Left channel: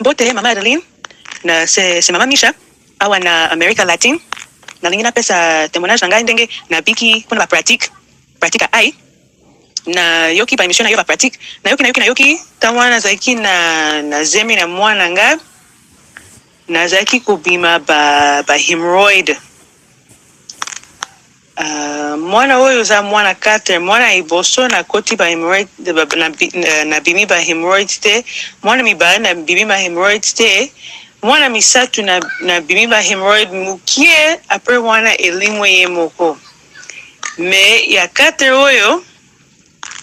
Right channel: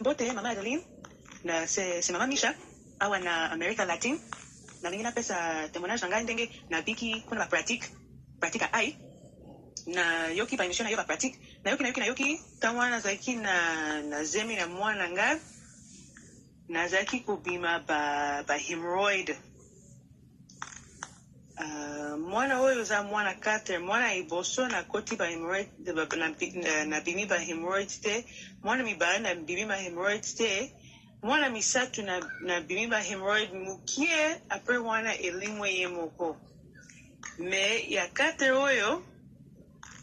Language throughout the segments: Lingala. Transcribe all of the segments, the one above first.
Bote Mama Adeline, na c'est Maman Micha, awa na America Latin, na lingi na pesa témoignage nanga ndenge na biki pona ba pratique ai, na yoki pa émission na yo ba pratique, na yoki tawana zaki na zemi na mwana nga, na zaki kubima ba hemorrhoid. Mwana oyo za mwana 4 mwana iboso na koti ba hemorrhoid na bimi ba hemorrhoid te mwana mibale na bimi ba hemorrhoid te mwana misatu na bimi ba hemorrhoid mukie apre mwana elimwe ye moko me ya 4 oyo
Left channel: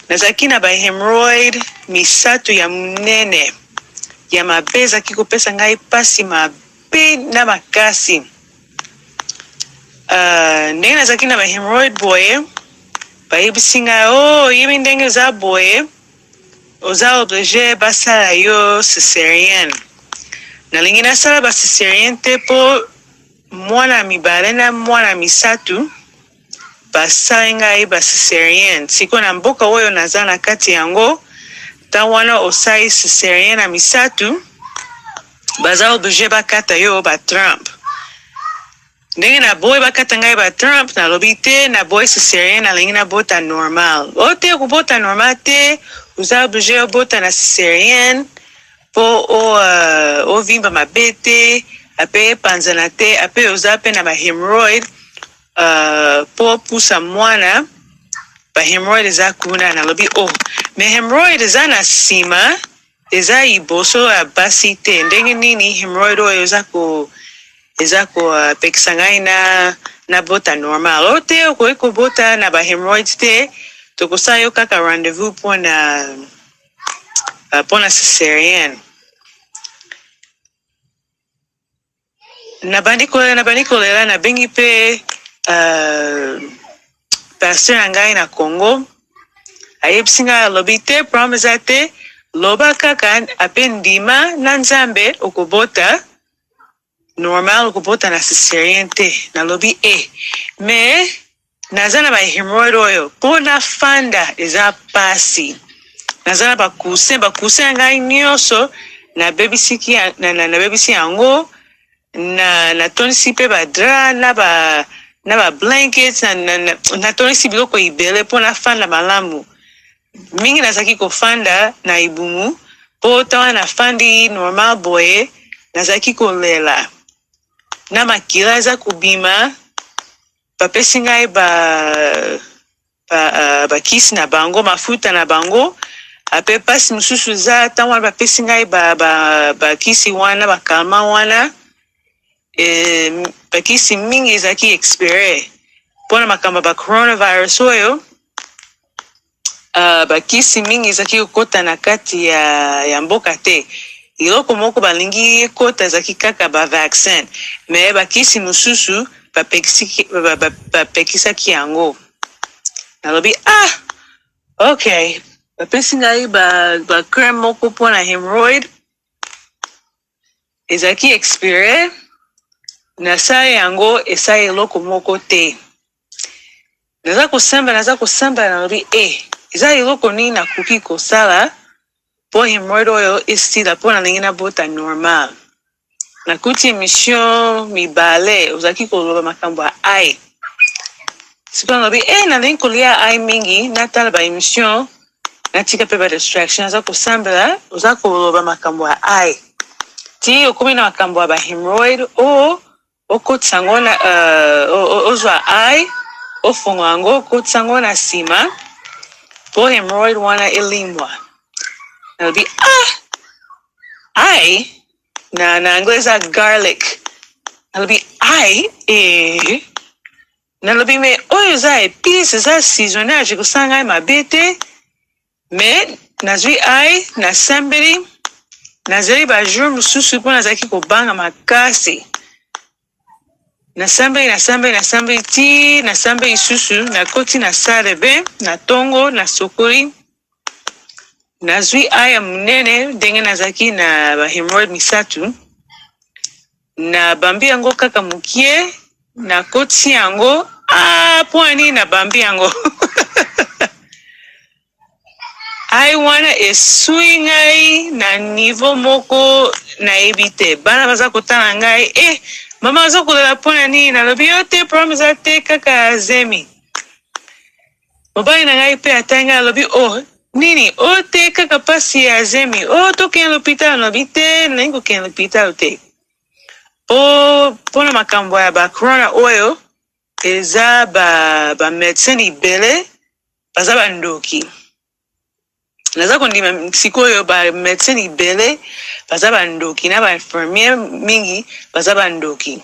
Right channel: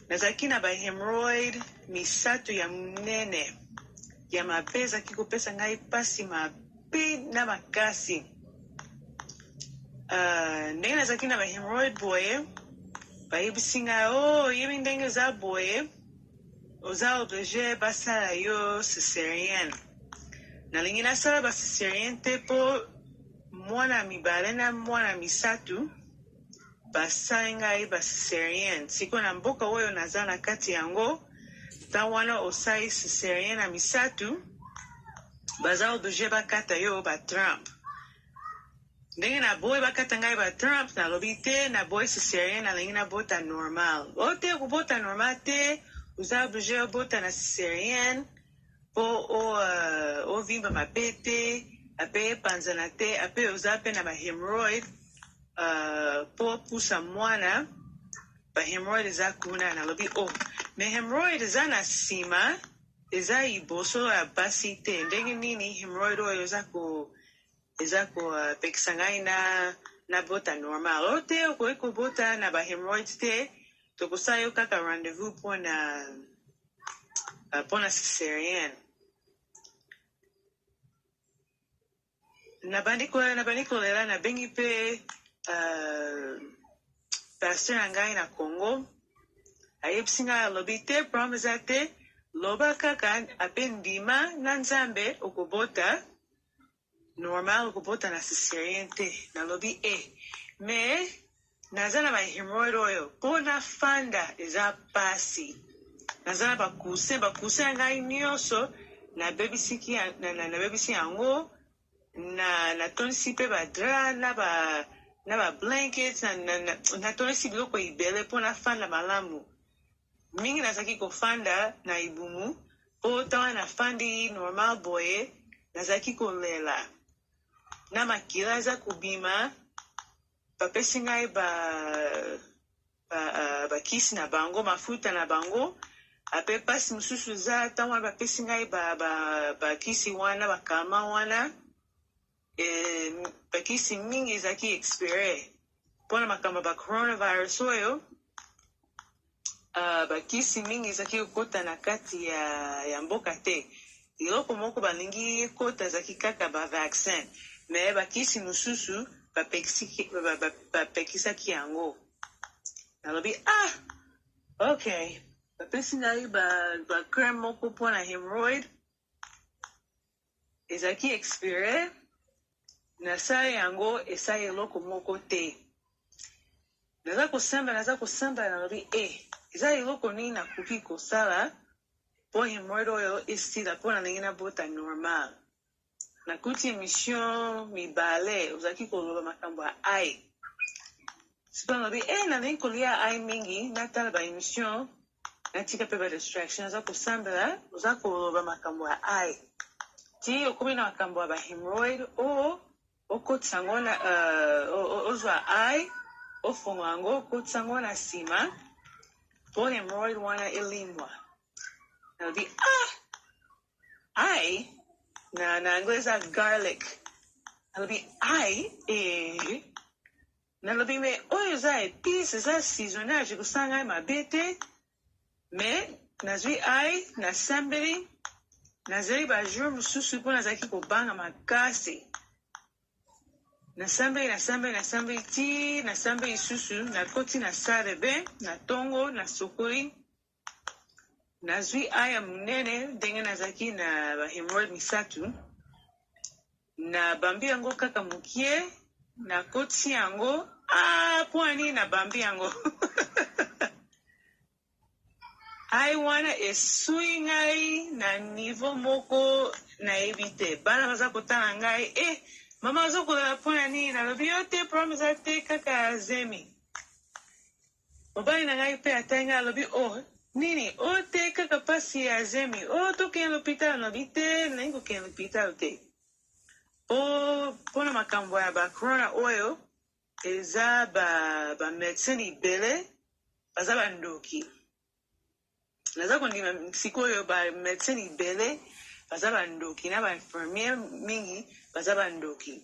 nazaki na ba hemorrhoid misatu ya munene ya mabeza kikopesa ngai pasi mabe na makasi. Ndenge nazaki na ba hemorrhoid boye bayebisinga yebi ndenge za boye oza oblige basala yo césarienne nalingi nasala ba césarienne te po mwana mibale na mwana misatu basala ngai ba césarienne siko na mboka oyo naza na kati yango ta wana osai césarienne na misatu baza oblige bakata yo ba Trump. Ndenge na boy bakata ngai ba Trump na lobite na boy césarienne na lingi na bota normal. Ote kubota normal te uza oblige bota na césarienne po o vimba mabete ape panzana te ape uza pe na ba hemorrhoid po pusa mwana ba hemorrhoid za kuna na lobi me hemorrhoid za na sima eza iboso abasi te ndenge nini hemorrhoid oyo eza ko pekisangai na bota normal. Ote ko bota na ba hemorrhoids te tokosa yo kaka rendezvous pona césarienne. Na bandiko lela na bengi pe pasteur ngai na Congo ayebsinga lobite promise te loba kaka apendima na Nzambe okobota normal okubota na césarienne te na lobi me naza na ba hemorrhoid oyo po na fanda eza pasi naza na bakuse ngai nyonso na bebisi yango na tonisi pe ba dra na ba blankets na tonisi biloko ibele po na fanda malamu mingi nazaki kofanda na ibumu po tawa na fandi normal boye nazaki kolela na makila eza kubima bapesi ngai bakisi na bango mafuta na bango ape pasi mususu za ta wana bapesi ngai bakisi wana bakalma wana bakisi mingi ezaki expire mpona makambo ba coronavirus oyo bakisi mingi ezaki kokota na kati ya mboka te iloko moko balingi ekota ezaki kaka ba vaccin me bakisi mususu bapekisaki yango nalobi okay bapesi ngai ba crème moko mpona hemorrhoid ezaki expire nasala yango esa eloko moko te naza kosamba nalobi eza eloko nini nakoki kosala po hemorrhoid oyo esila po nalingi na bota normal nakuti émission mibale ozaki koloba makambo ya ai siko nalobi nalingi kolia ai mingi natala ba émission natika pe ba distraction naza kosambela oza koloba makambo ya ai ti okomi na makambo ya ba hemorrhoid okotisa yango ozwa ai ofongo yango okotisa yango na nsima po hemorrhoid wana elimwa nalobi ai na anglais garlic nalobi ai nalobi me oyo za épice za assaisonnage ekosala ngai mabe te me nazwi ai nasambeli nazali bajour mosusu mpo nazalaki kobanga makasi nasambeli ti nasambeli susu nakoti na sale be na tongo na sokoli nazwi ai ya munene ndenge nazalaki na ba hemorrhoid misatu na bambi yango kaka mukie nakoti yango po ani na bambi yango ai wana esui ngai na niveau moko nayebi te. Bana baza kotala ngai mama aza kolela mpona nini, nalobi yo te, problème eza te, kaka azemi. Mobali na ngai mpe atai ngai alobi nini te, kaka pasi ya azemi. Tokende l'hôpital, nalobi te, nalingi kokende l'hôpital te. Mpona makambo ya bacorona oyo eza bamédecin libele baza bandoki. Naza kondima sikoyo bamédecin libele baza bandoki na bainfirmier mingi baza bandoki.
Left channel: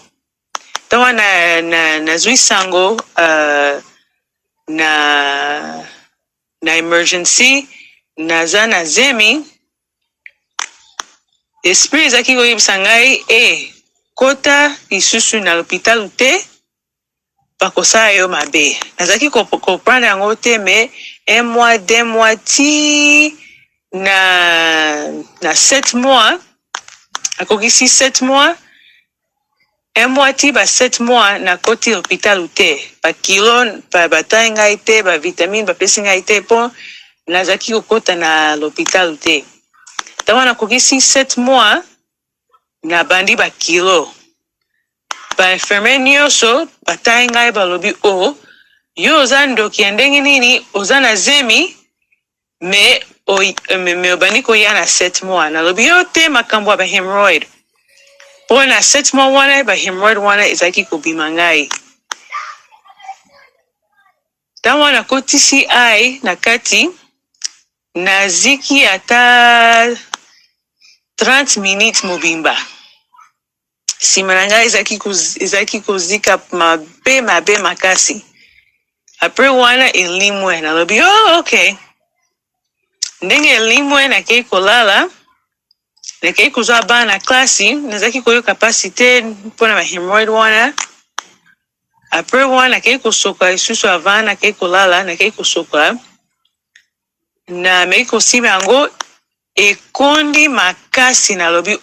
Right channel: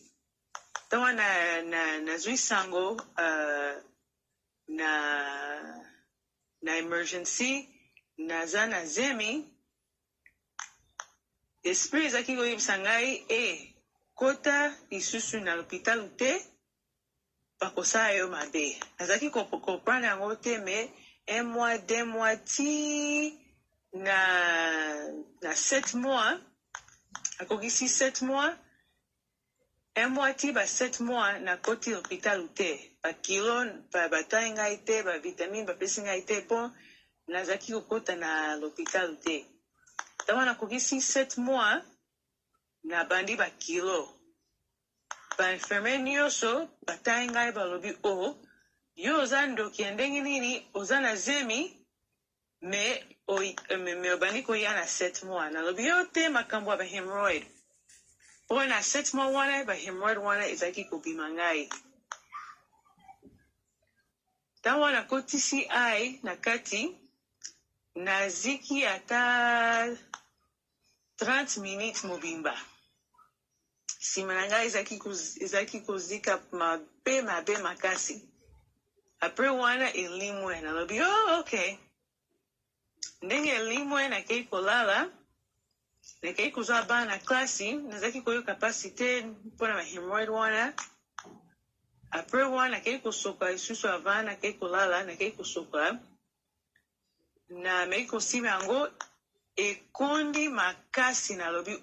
Tawa nazwi sango na emergency naza na zemi, esprit ezaki koyebisa ngai kota lisusu na l'hôpital te, bakosala yo mabe. Nazaki comprendre yango te, mais 1 mois, 2 mois, ti na 7 mois, akokisi 7 mois, 1 mois ti 7 mois na koti l'hôpital te. Bakilo batai ngai te, bavitamine bapesi ngai te, po nazaki kokota na l'hôpital te. Tawa nakokisi 7 mois na bandi bakilo. Bainfirmier nyonso batai ngai balobi yo oza ndoki ya ndenge nini, oza na zemi, me obandi koya na 7 mois. Nalobi yo te, makambo ya bahemorrhoid. Po na 7 mois wana bahemorrhoid wana ezaki kobima ngai. Ntango nakotisi ai na kati, naziki ata 30 minutes mobimba. Sima na ngai ezaki kozika mabe makasi. Apres wana elimwe, nalobi okay. Ndenge elimwe nakei kolala, nakei kozwa bana na klasi, nazaki koyoka pasi te mpona bahemorrhoid wana. Apres wana nakei kosoka lisusu avant nakei kolala, nakei kosoka. Na mei kosima yango ekondi makasi, nalobi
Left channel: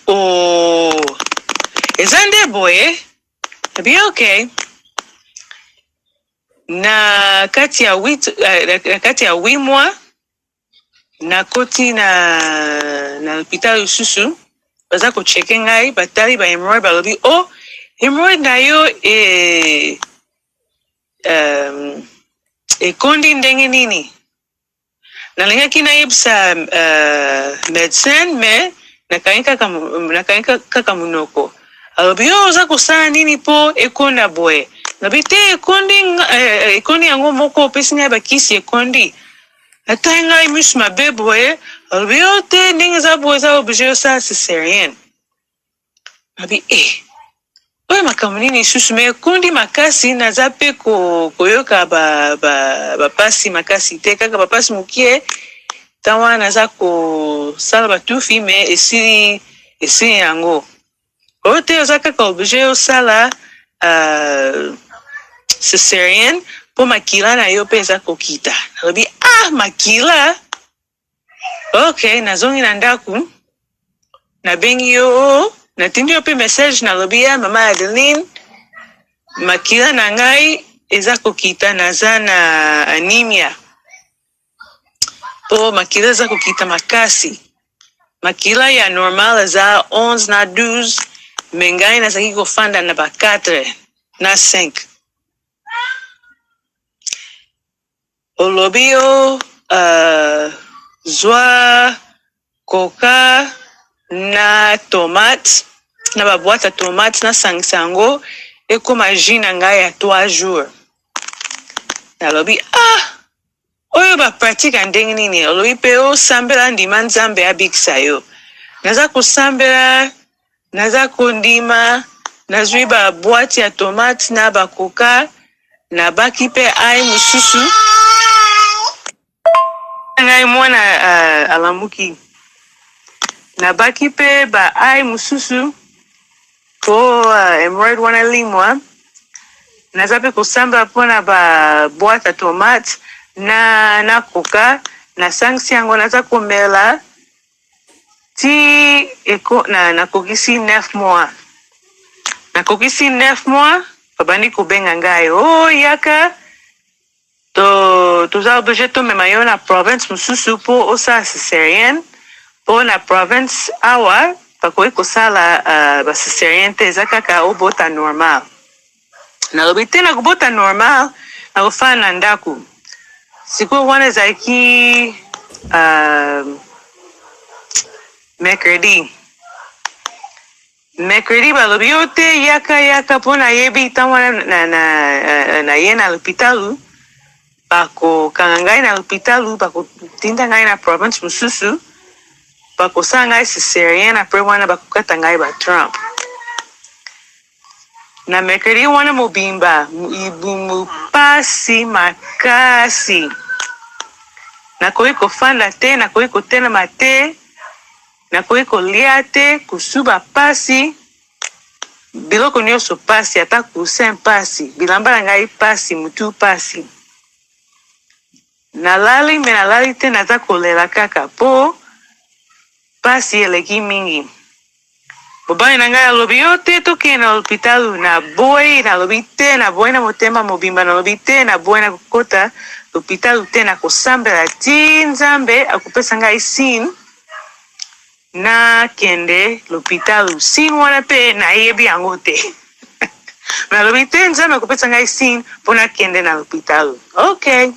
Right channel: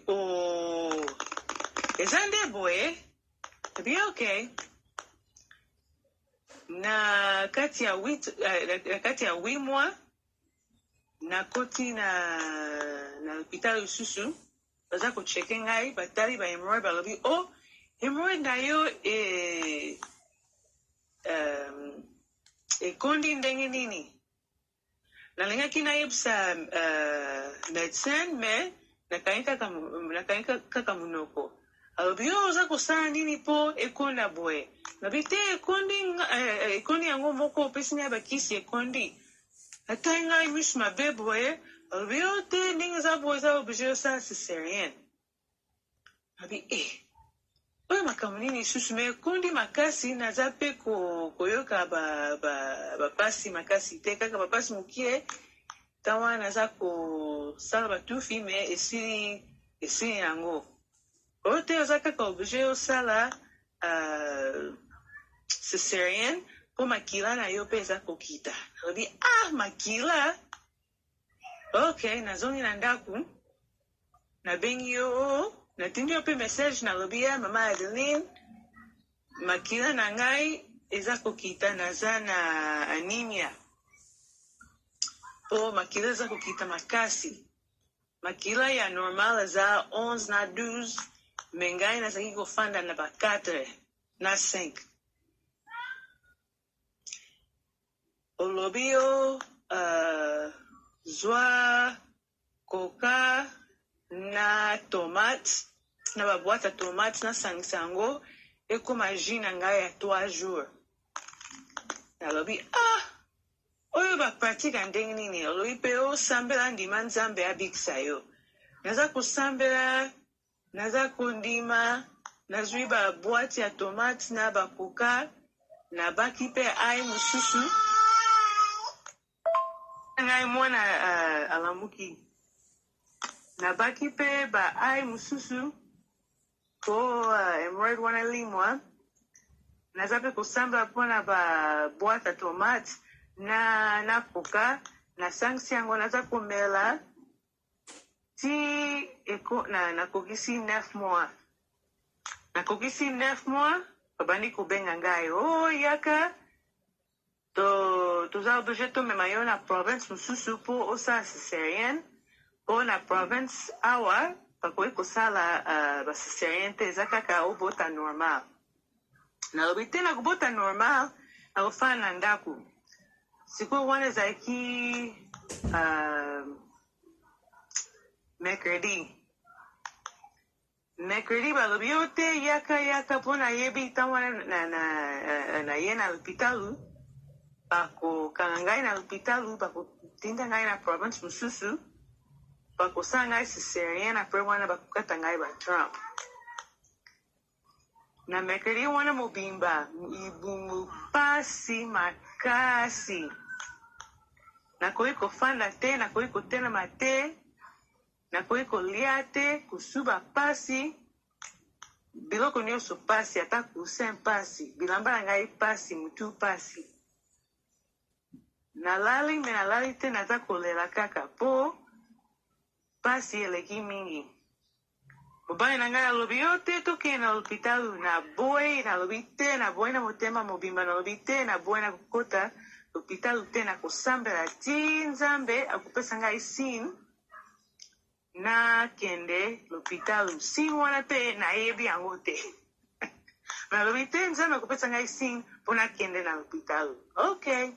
eza nde boye. Nabi okay. Na kati ya 8 mois nakoti na l'hôpital lisusu, baza kocheke ngai, batali ba hemorrhoid, balobi hemorrhoid na yo ekondi ndenge nini. Nalingaki nayebisa médecin, me nakangi kaka munoko. Alobi oza kosala nini po ekonda boye. Nabi te, ekondi yango moko, opesi ngai bakisi ekondi. Atai ngai misu mabe boye, alobi te, ndenge eza boye eza oblige osala césarienne. Nabi oyo makambo nini susu, me ekondi makasi, naza pe koyoka bapasi makasi te, kaka bapasi mokie, tawa naza kosala batufi, me esili yango. Oyo te oza kaka oblige osala césarienne, po makila na yo pe eza kokita. Nalobi makila. Okay, nazongi na ndaku, nabengi yo, natindi yo pe message, nalobi mama Adeline, makila na ngai eza kokita, naza na anemia. Po makila eza kokita makasi. Makila ya normal eza 11 na 12, me ngai nazaki kofanda na ba 4 na 5. Olobi yo zwa coca na tomate, na ba boîte ya tomate, na sango ekoma jus na ngai ya 3 jours. Nalobi oyo ba pratique ndenge nini. Olobi pe osambela ndima Nzambe abikisa yo. Naza kosambela, naza kondima, nazwi ba boîte ya tomate na ba coca, na baki pe ai mususu. Ngai mwana alamuki. Na baki pe ba ai mususu po hemorrhoid wana limwa. Naza pe kosambela pona ba boîte ya tomate na coca, na sangsi yango naza komela ti nakokisi 9 mois. Nakokisi 9 mois, babandi kobenga ngai yaka toza obligé tomema yo na province mosusu mpo osala césarienne mpo na province awa bakoki kosala bacésarienne te eza kaka obota normal nalobi te na kobota normal na kofala na ndako sikoyo wana ezalaki mercredi balobi yo te yaka mpo nayebi ntango wana na ye na lopitalu bakokanga ngai na lopitalu bakotinda ngai na province mosusu bakosala ngai césarienne apres wana bakokata ngai batrump na mercredi wana mobimba pasi makasi nakoki kofanda te nakoki kotelema te nakoki kolia te kosuba pasi biloko nyonso pasi ata kusin pasi bilamba na ngai pasi mutu pasi nalali te naza kolela kaka mpo pasi eleki mingi mobali na ngai alobi yo te tokende na lopitalu na boyi nalobi te na boyi na motema mobimba nalobi te na boyi na kokota lopitalu te na kosambela ti nzambe akopesa ngai sine nakende lopitalu sine wana mpe nayebi yango te nalobi te nzambe akopesa ngai sine mpo nakende na lopitalu okay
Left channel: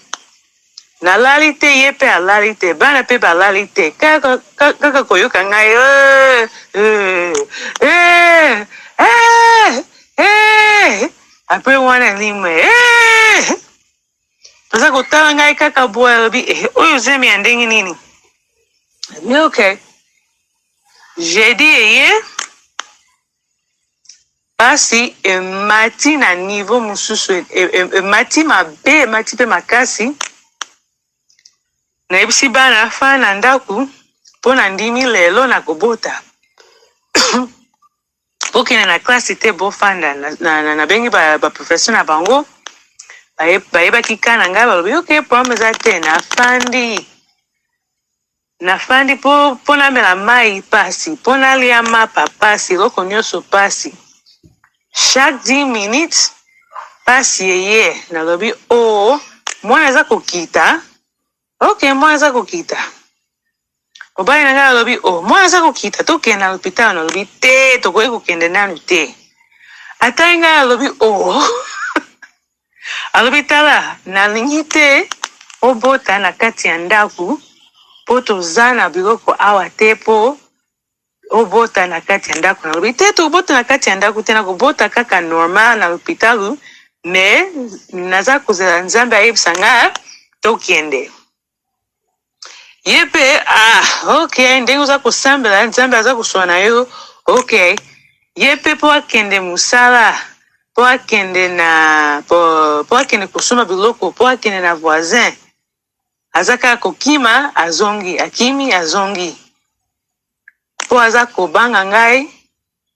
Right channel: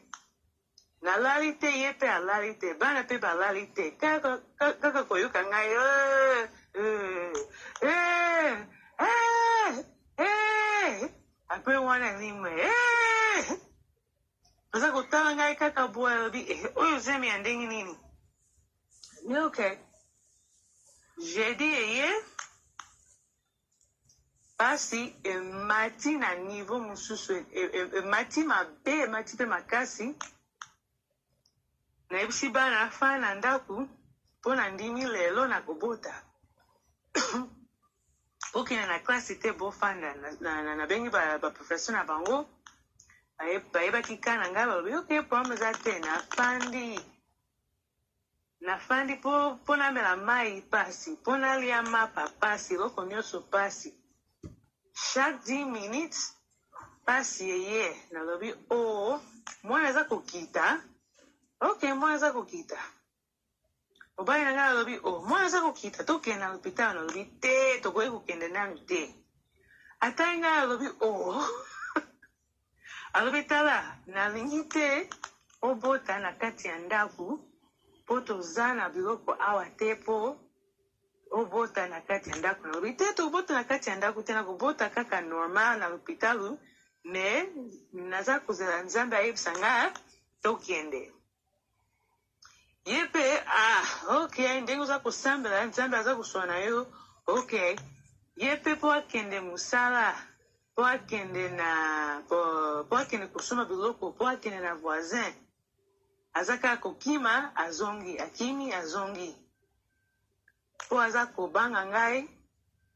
nalali te ye mpe alali te bana mpe balali te kaka koyoka ngai apres wana limwe toza kotala ngai kaka boye alobi oyo zemi ya ndenge nini abi okay jeudi eye pasi emati na niveau mosusu emati mabe emati mpe makasi nayebisi bana afana na ndako mpo na ndimi lelo na kobota bokende na klase te bofanda nabengi baprofesseur na bango bayebaki ka na ngai balobi ok problème eza te nafandi mpo namela mai pasi mpo nalia mapa pasi eloko nyonso pasi chaque 10 minutes pasi eye nalobi mwana eza kokita ok mwana aza kokita mobali na ngai alobi mwana aza kokita tokende na lopitalo nalobi te tokoki kokende nanu te ata ngai alobi alobi tala nalingi te obota na kati ya ndako mpo toza na biloko awa te mpo obota na kati ya ndako nalobi te tobota na kati ya ndako te nakobota kaka normal na lopitalo me naza kozela nzambe ayebisa nga tokende ye mpe ok ndenge oza kosambela nzambe aza koswana na yo ok ye mpe mpo akende mosala mpo akende kosomba biloko mpo akende na voisin aza kaka kokima azongi akimi azongi mpo aza kobanga ngai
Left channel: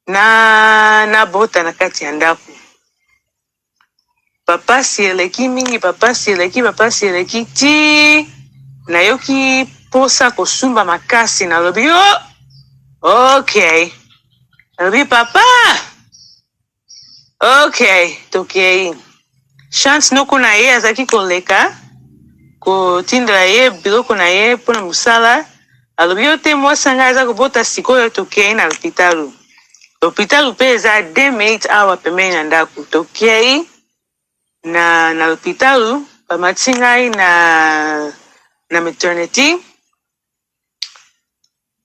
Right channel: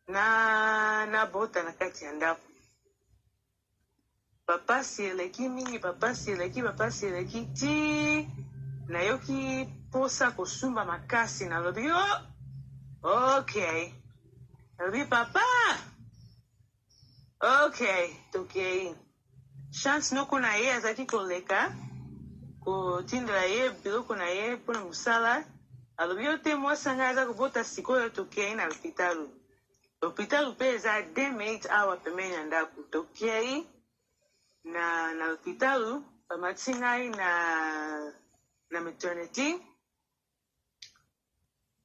nabota na kati ya ndako bapasi eleki mingi bapasi eleki ti nayoki posa kosumba makasi nalobi ok nalobi papa ok tokei chance noko na ye azalaki koleka kotindela ye biloko na ye mpona mosala alobi yo te mwasi ngai aza kobota sikoyo tokei na lopitalu mpe eza 2 minutes awa pembeni na ndako tokei na lopitalu bamati ngai na maternity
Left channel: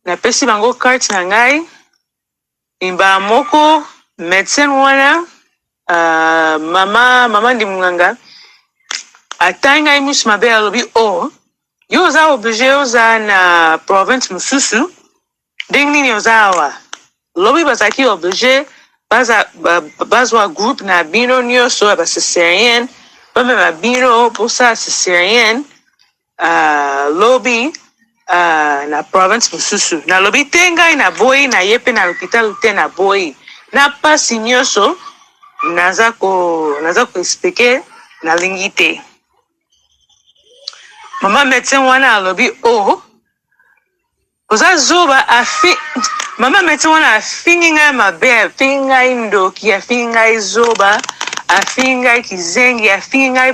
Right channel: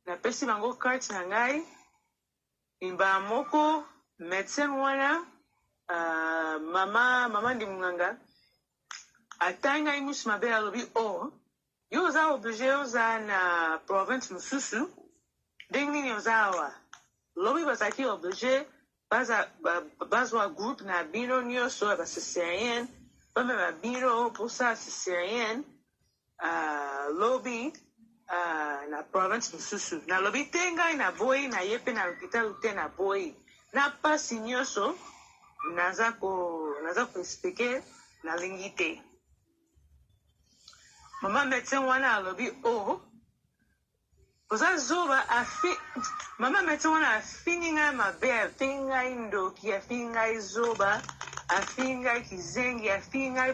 napesi bango carte na ngai mbala moko médecin wana mama ndi munganga atangi ngai misu mabe alobi yo oza oblige oza na province mosusu ndenge nini oza awa lobi bazalaki oblige bazwa groupe na bino nyonso ya bacésarienne bamema bino posala césarienne lobi na province mosusu nalobi te ngai na boyi na ye mpe na lopitalo te na boyi na pasi nyonso naza koexplike nalingi te mama médecin wana alobi oza zoba mama médecin wana afingi ngai mabe afingi ngai ndoki afingi ngai zoba afingi ngai kizengi, afingi ngai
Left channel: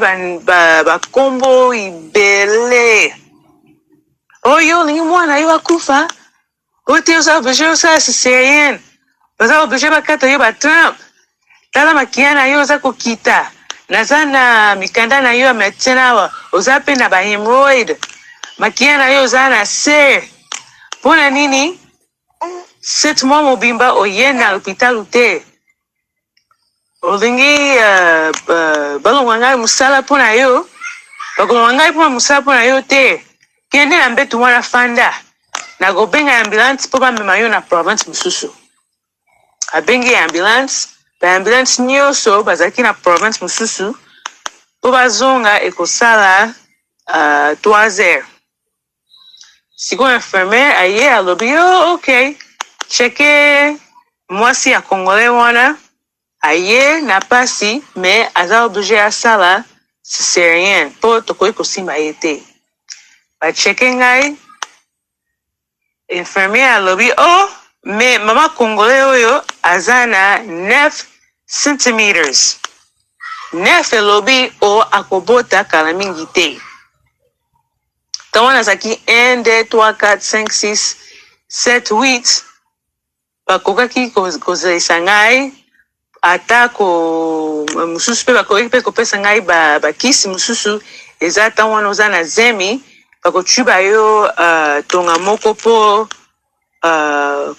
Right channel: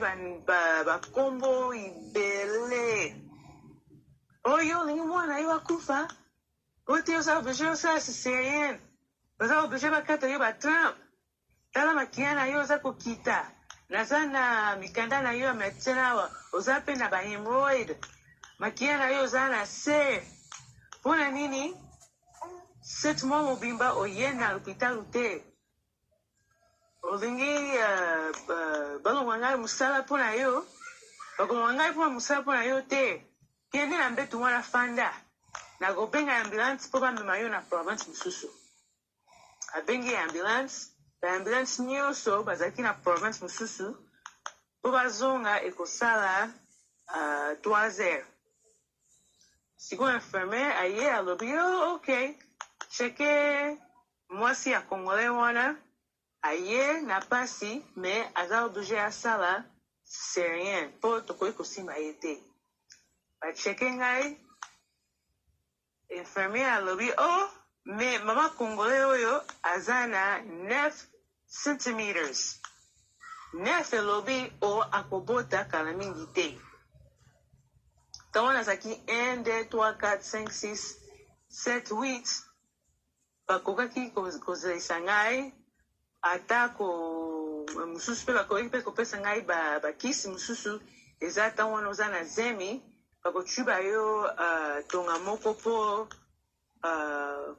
bakombo ibele. Oyo olingi mwana yo akufa, ote oza oblige osala césarienne, oza oblige bakata yo batrump, tala makia na yo oza kokita, naza na mikanda na yo ya médecin awa, oza pe na bahemroid, makia na yo oza na se. Mpona nini? 7 mois mobimba oye na hôpital te. Olingi balongwa ngai musala mpona yo, bakolongwa ngai mpona musala mpona yo te. Kende na mbetu wana fanda, nakobenga ambulance mpo bamema yo na province mosusu. Abengi ambulance, baambulance nyonso bazalaki na province mosusu mpo bazonga ekosala 3 heures. Sikoyo infirmière aye alobi yo ok, cheke mwasi ya congolais wana aye na pasi me aza oblige asala césarienne mpo tokoki kosimba ye te. Bacheke ngai, infirmière alobi me mama congolais oyo aza na 9 centimeters. 9 elobi akobota kala mingi te. Tawana azaki 1, 2, 3, 4, 5, 6, 7, 8. Bakokaki kozalisa ngai ata mosusu mpe bakoki mpe kopesa ngai bakisi mosusu eza ata wana oza na zemi, bakotyuba yo tonga moko po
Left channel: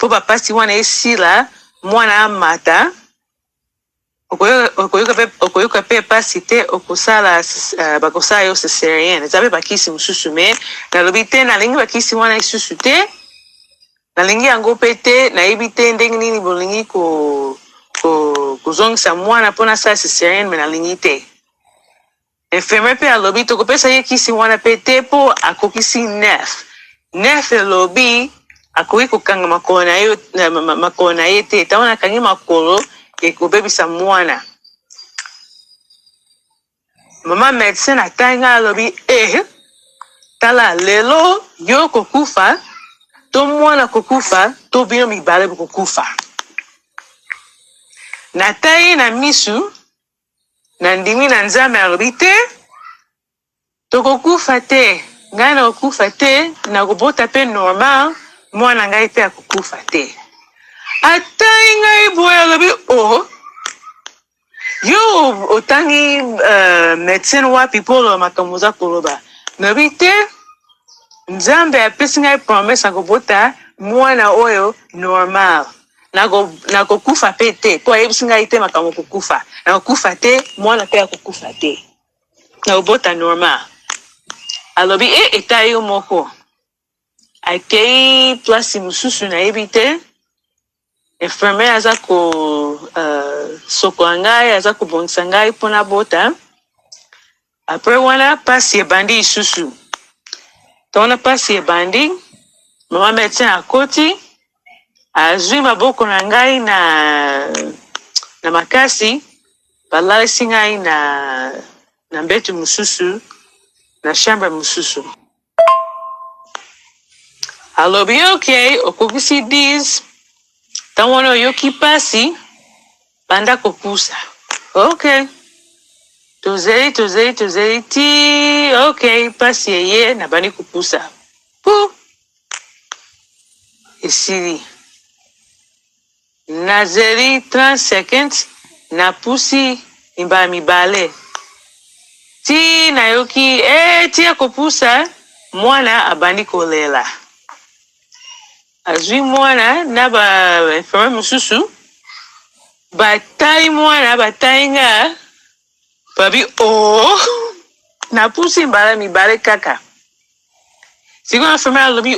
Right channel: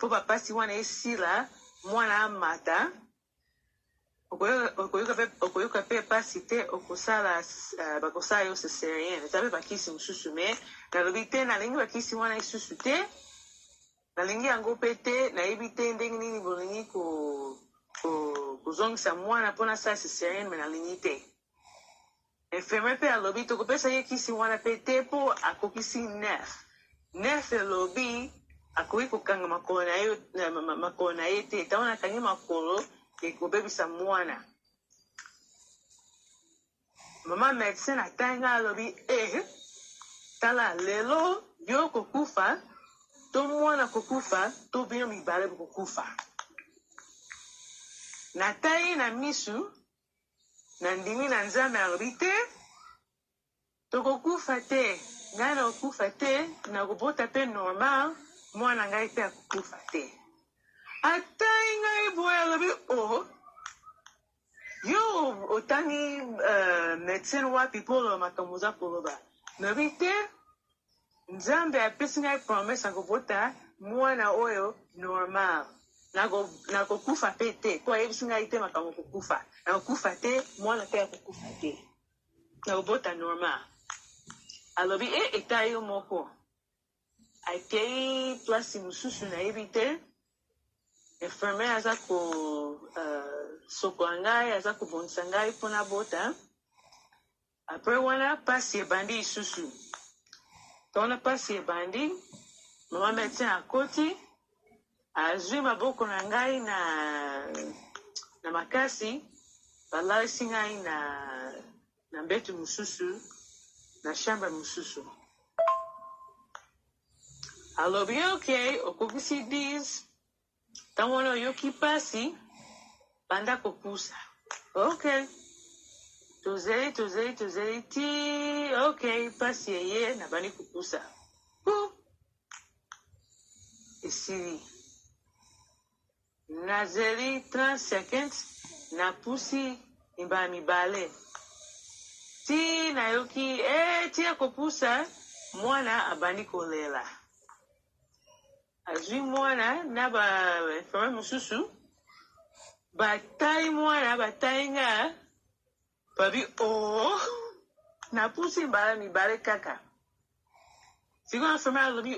bapasi wana esila mwana amata. Okoyoka pe pasi te okosala bakosala yo césarienne. Eza pe bakisi mosusu me nalobi te nalingi bakisi wana lisusu te, nalingi yango pe te, nayebi te ndenge nini bolingi kozongisa mwana mpona sala césarienne me nalingi te. Infirmière pe alobi tokopesa ye kisi wana pe te mpo akokisi 9 elobi akoki kokanga makolo na ye te. Tawana akangi makolo ekobebisa mwana. Mama médecin atangi ngai alobi tala lelo yo kokufa to mwana kokufa to bino mibale bokokufa. Natai na misu na ndimi na Nzambe alobi te tokokufa te, ngai nakokufa te, nakobota pe normal, mwana ngai pe akokufa te. Atai ngai boye alobi yo otangi médecin wapi mpo makambo oza koloba. Nabi te, Nzambe apesi ngai promesse nakobota mwana oyo normal. Nakokufa pe te, po ayebisi ngai te makambo kokufa. Nakokufa te, mwana pe akokufa te. Nakobota normal. Alobi eta yo moko. Akei place mosusu nayebi te. Infirmière aza sokola ngai, aza kobongisa ngai mpona bota. Apres wana pasi ebandi lisusu. Tona pasi ebandi, mama médecin akoti, azwi maboko na ngai na makasi, balalisi ngai na mbetu mosusu, na chambre mosusu. Alobi ok, okokisi 10, tawana oyoki pasi, banda kopusa. Ok. Tozeli ti, ok, pasi eye na bandi kopusa. Esili. Nazeli 30 seconds na pusi mibale. Ti nayoki, ti akopusa, mwana abandi kolela. Azwi mwana na infirmière mosusu, batai mwana, batai nga, babi na pusi mibale kaka. Sikoyo infirmière alobi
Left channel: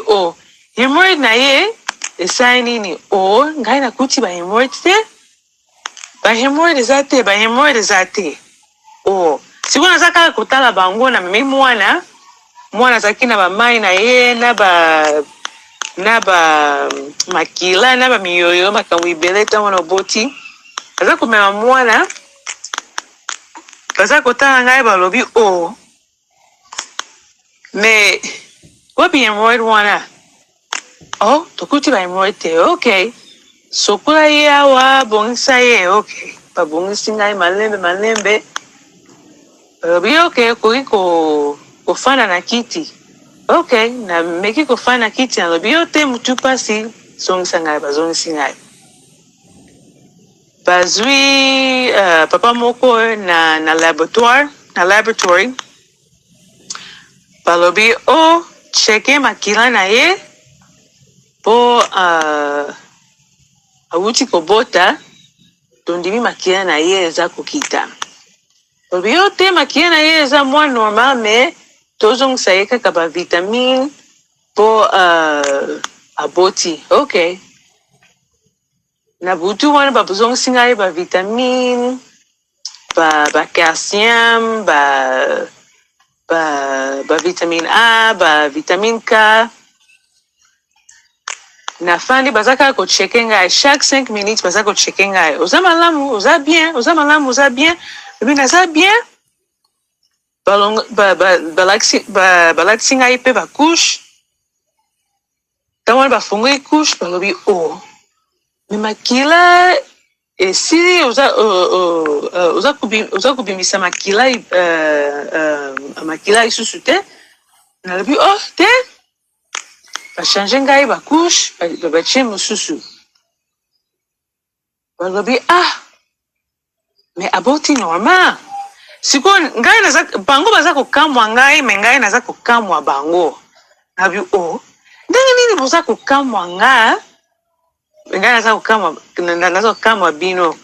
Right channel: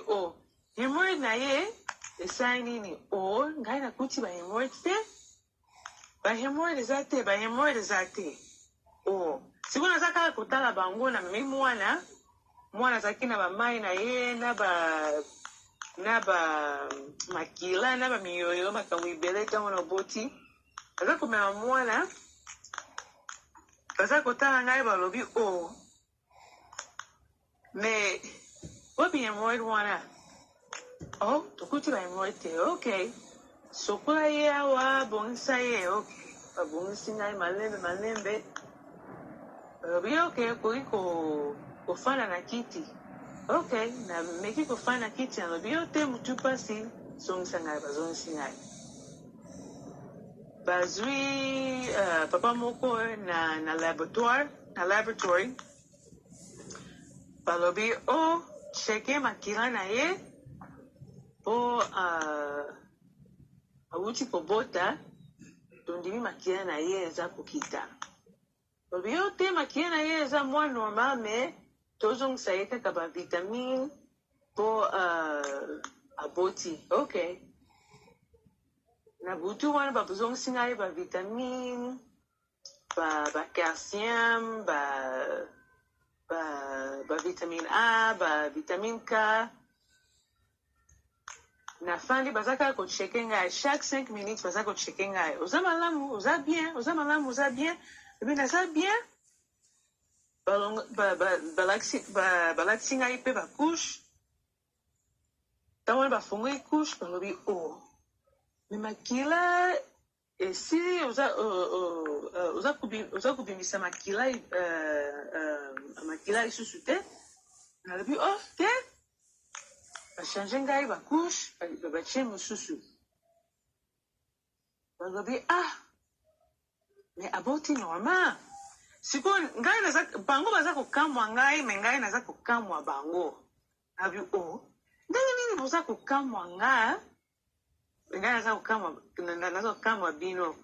hemorrhoid na ye esai nini? Ngai nakuti bahemorrhoid te? Bahemorrhoid eza te. Sikoyo naza kaka kotala bango na memi mwana azalaki na bamai na ye na makila na bamiyoyo makambo ibele ta wana oboti. Aza komema mwana, baza kotala ngai balobi me wapi hemorrhoid wana? Tokuti ba hemorrhoid te. Ok. Sokola ye awa, bongisa ye. Ok. babongisi ngai malembe. Balobi okay, koki kofanda na kiti. Okay, na meki kofanda na kiti nalobi yo te mutu pasi zongisa ngai bazongisi ngai. Bazwi papa moko na laboratory. Balobi cheke makila na ye po awuti kobota tondimi makila na ye eza kokita. Balobi yo te makila na ye eza mwa normal me tozongisa ye kaka ba vitamine po aboti. Okay. Na butu wana babozongisi ngai ba vitamine, ba calcium, ba vitamine A, ba vitamine K. Na fandi bazaka ko checke ngai chaque 5 minutes bazaka ko checke ngai. Oza malamu, oza bien, oza malamu, oza bien. Ebi naza bien. Balakisi ngai pe ba couche. Tawana bafungoli couche balobi me makila esili oza kubimisa makila makila isusu te. Nalobi te. Bachange ngai bakouche batie mosusu. Balobi me aboti normal. Siko ngai bango baza kokamwa ngai me ngai naza kokamwa bango. Nalobi ndenge nini boza kokamwa nga? Ngai naza kokamwa bino.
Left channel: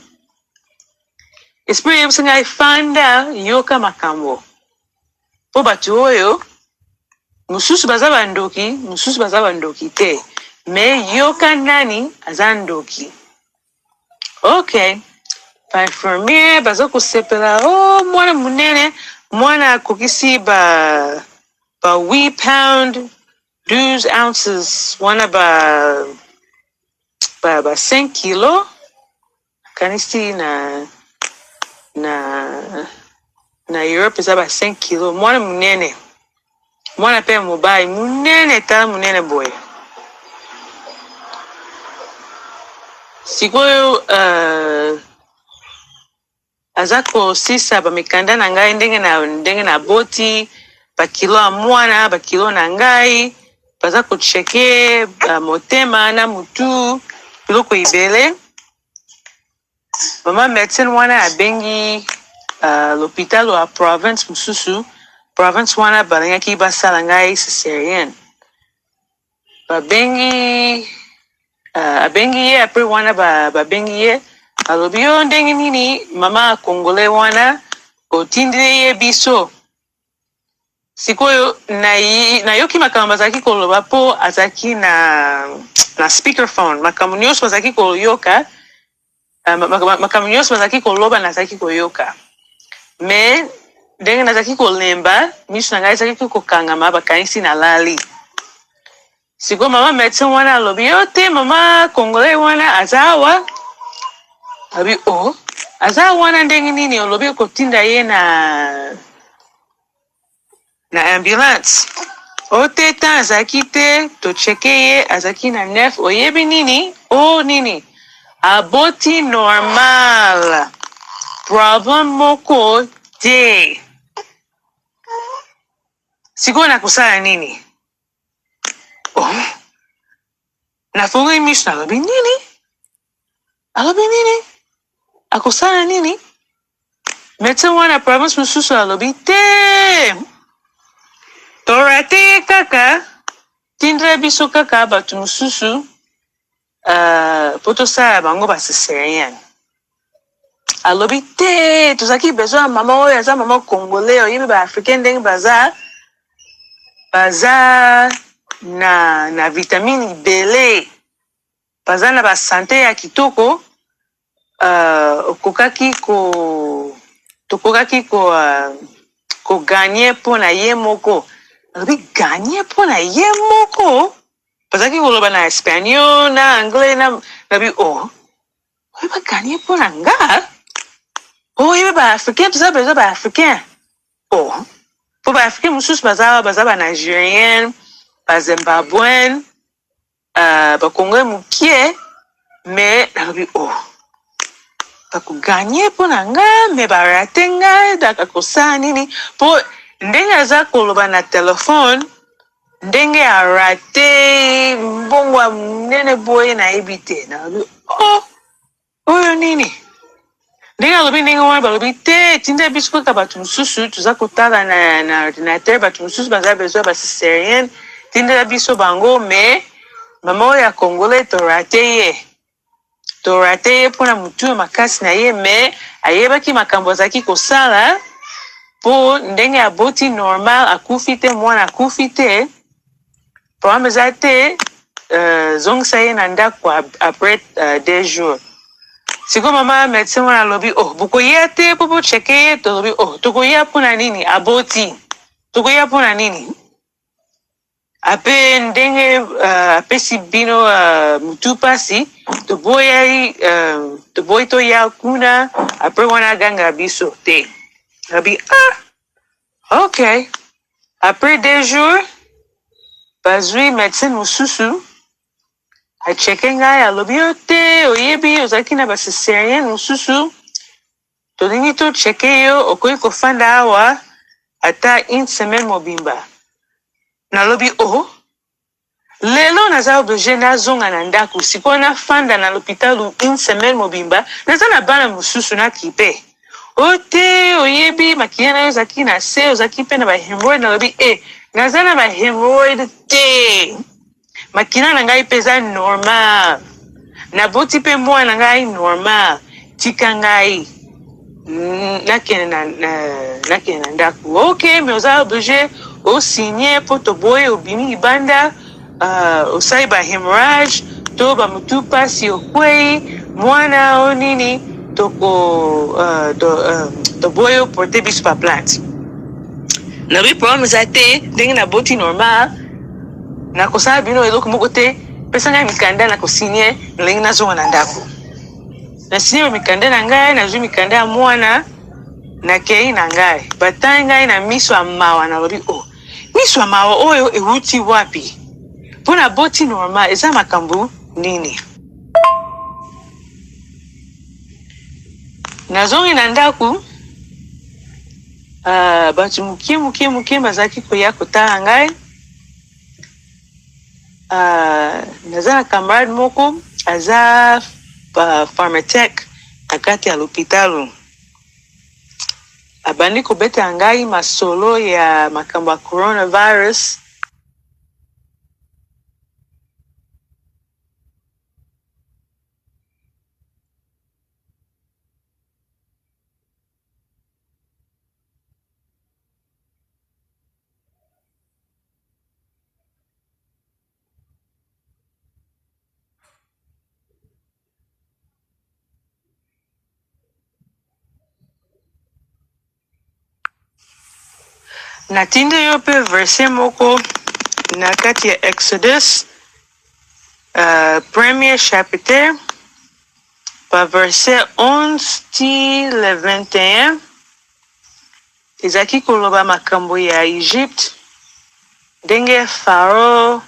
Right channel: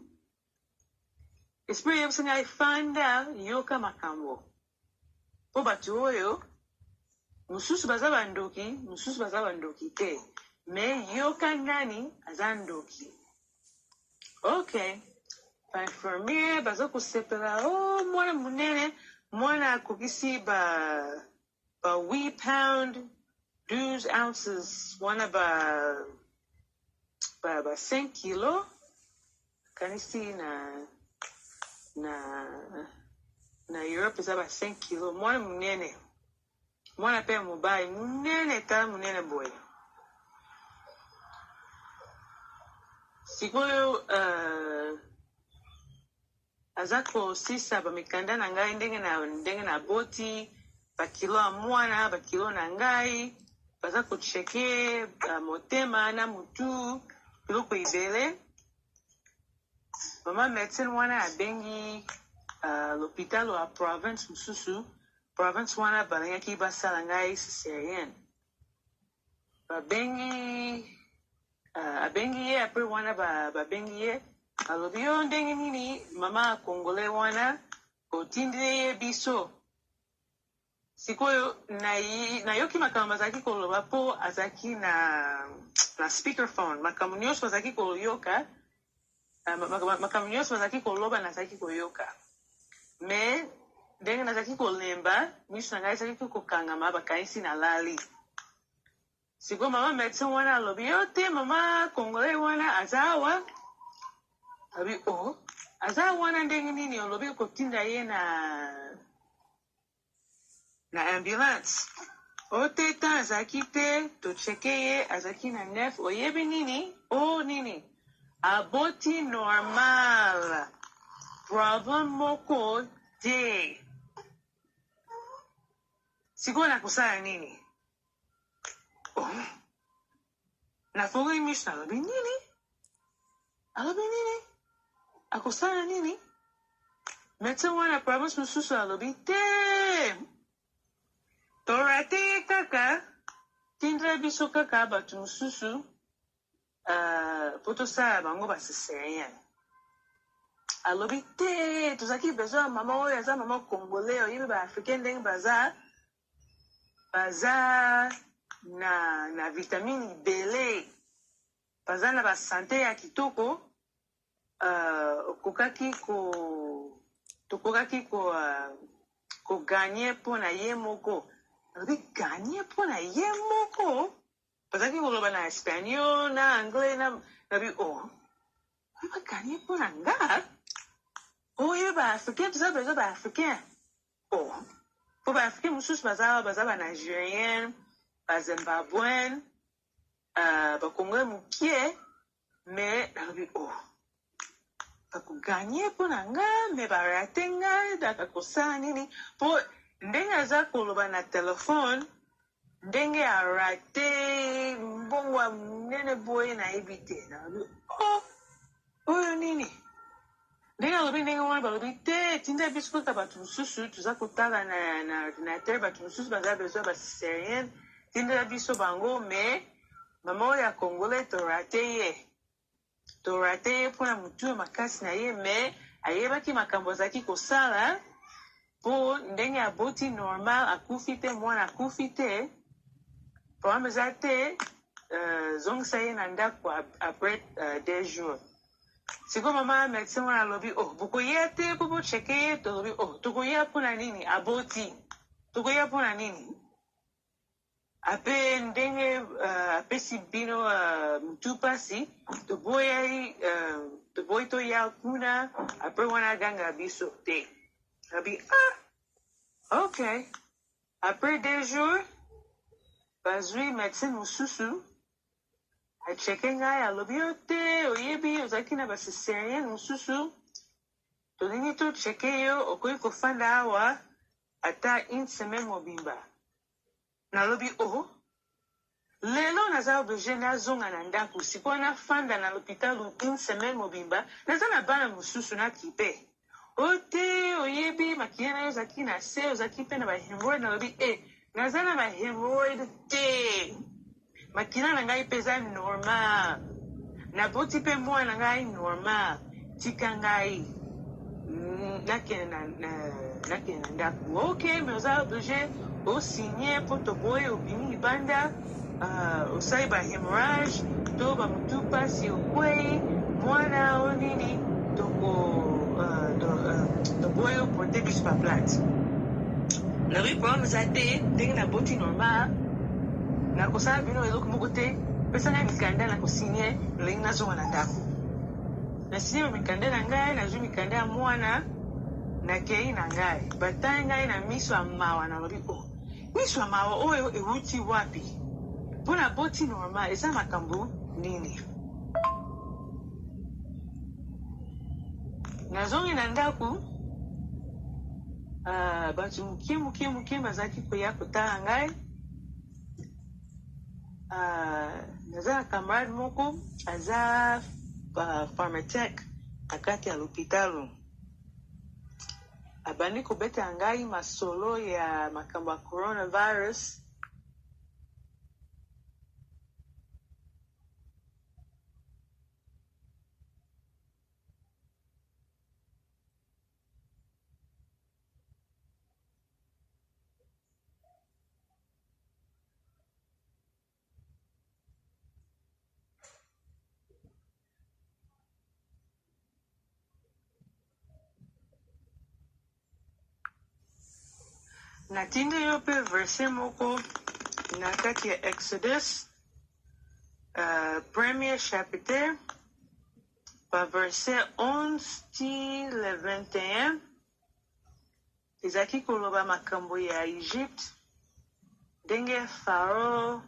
Esprit yebisi ngai fanda yoka makambo. Po bato oyo mususu baza bandoki te. Me yoka nani aza ndoki. Okay. Ba infirmier baza kosepela mwana munene mwana akokisi ba 8 pound 12 ounces wana ba 5 kilo kanisi na Europe eza ba 5 kilo mwana munene mwana pe mobile munene tala munene boy. Sikoyo aza kosisa bamikanda na ngai ndenge na boti bakilo ya mwana bakilo na ngai baza kocheke motema na mutu biloko ibele. Mama medecine wana abengi l'hôpital wa province mususu. Province wana balingaki basala ngai césarienne. Abengi ye apres wana babengi ye. Alobi yo ndenge nini mama Congolais wana kotindile ye biso. Sikoyo na yoki makambo bazaki koloba po azaki na speakerphone. Makambo nyonso bazaki koyoka. Makambo nyonso bazaki koloba nazaki koyoka. Me ndenge nazaki kolemba miso na ngai ezaki kokangama bakanisi na lali. Sikoyo mama medecin wana alobi yo te mama Congolais wana azawa. Abi aza wana ndenge nini olobi kotinda ye na ambulance. Oteta azaki te to cheke ye azaki na 9 oyebi nini? Nini? Aboti normal. Problem moko te. Siko na kusala nini? Nafunga miso alobi nini? Alobi nini? Akusana nini? Medecin wana province mususu alobi te. Torate kaka. Tindre biso kaka batu mususu. Poto sala bango ba césarienne. Alobi te. Tozaki besoin mama oyo aza mama Congolais oyebi ba africain ndenge baza na vitamine ibele. Baza na ba santé ya kitoko. Tokokaki ko gagner po na ye moko. Alobi gagner po na ye moko. Bazaki koloba na espagnol na anglais na nabi oyeba gagner po na nga. Oyeba ba africain tuza bezo ba africain. Po ba africain mususu baza ba nigérien, ba zimbabwen, ba congolais mukie. Mais nabi bakuganye po na nga me barate nga dakakosa nini po ndenge aza koloba na telefone ndenge arate mbongwa munene boye nayebi te nalobi oyo nini ndenge alobi ndenge wana balobi te tinda biso kaka bato mosusu toza kotala na ordinateur bato mosusu baza besoin basiserienne tindela biso bango me mama oyo ya congolais torate ye mpona motu makasi na ye me ayebaki makambo azalaki kosala mpo ndenge aboti normal akufi te mwana akufi te problème eza te zongisa ye na ndako après 2 jours siko mama médecin wana alobi bokoya te mpo bocheke ye tolobi tokoya mpona nini aboti tokoya mpona nini ape ndenge apesi bino mutu pasi toboyi toya kuna apres wana aganga biso te abi ok après 2 jours bazwi médecin mosusu acheke ngai alobi yo te oyebi ozalaki na basiserienne mosusu tolingi tocheke yo okoki kofanda awa ata 1 semaine mobimba nalobi lelo naza oblige nazonga na ndako sikoyo nafanda na lopitalu 1 semaine mobimba naza na bana mosusu nakipe te oyebi makila na yo ozalaki na se ozalaki mpe na bahemoroide nalobi naza na bahemoroide te makila na ngai mpe eza normal naboti mpe mwana na ngai normal tika ngai nakende na ndako ok me oza oblige osinye mpo toboye obimi libanda osali bahemorrhage to bamutu pasi okwei mwana o nini toboye oporte biso baplante nabi problème eza te ndenge naboti normal nakosala bino eloko moko te pesa ngai mikanda nakosinye ndenge nazonga na ndako nasinye bamikanda na ngai nazwi mikanda ya mwana nakei na ngai batali ngai na miso ya mawa nalobi miso ya mawa oyo ewuti wapi mpo na boti normal eza makambo nini nazongi na ndako bato mokie bazalaki koya kotala ngai naza na camarade moko aza pharmatec na kati ya lopitalo abandi kobeta ngai masolo ya makambo ya coronavirus natindi yo mpe verse moko na kati ya Exodus premier chapitre pa verset 11 ti le 21 ezalaki koloba makambo ya Egypte ndenge Faro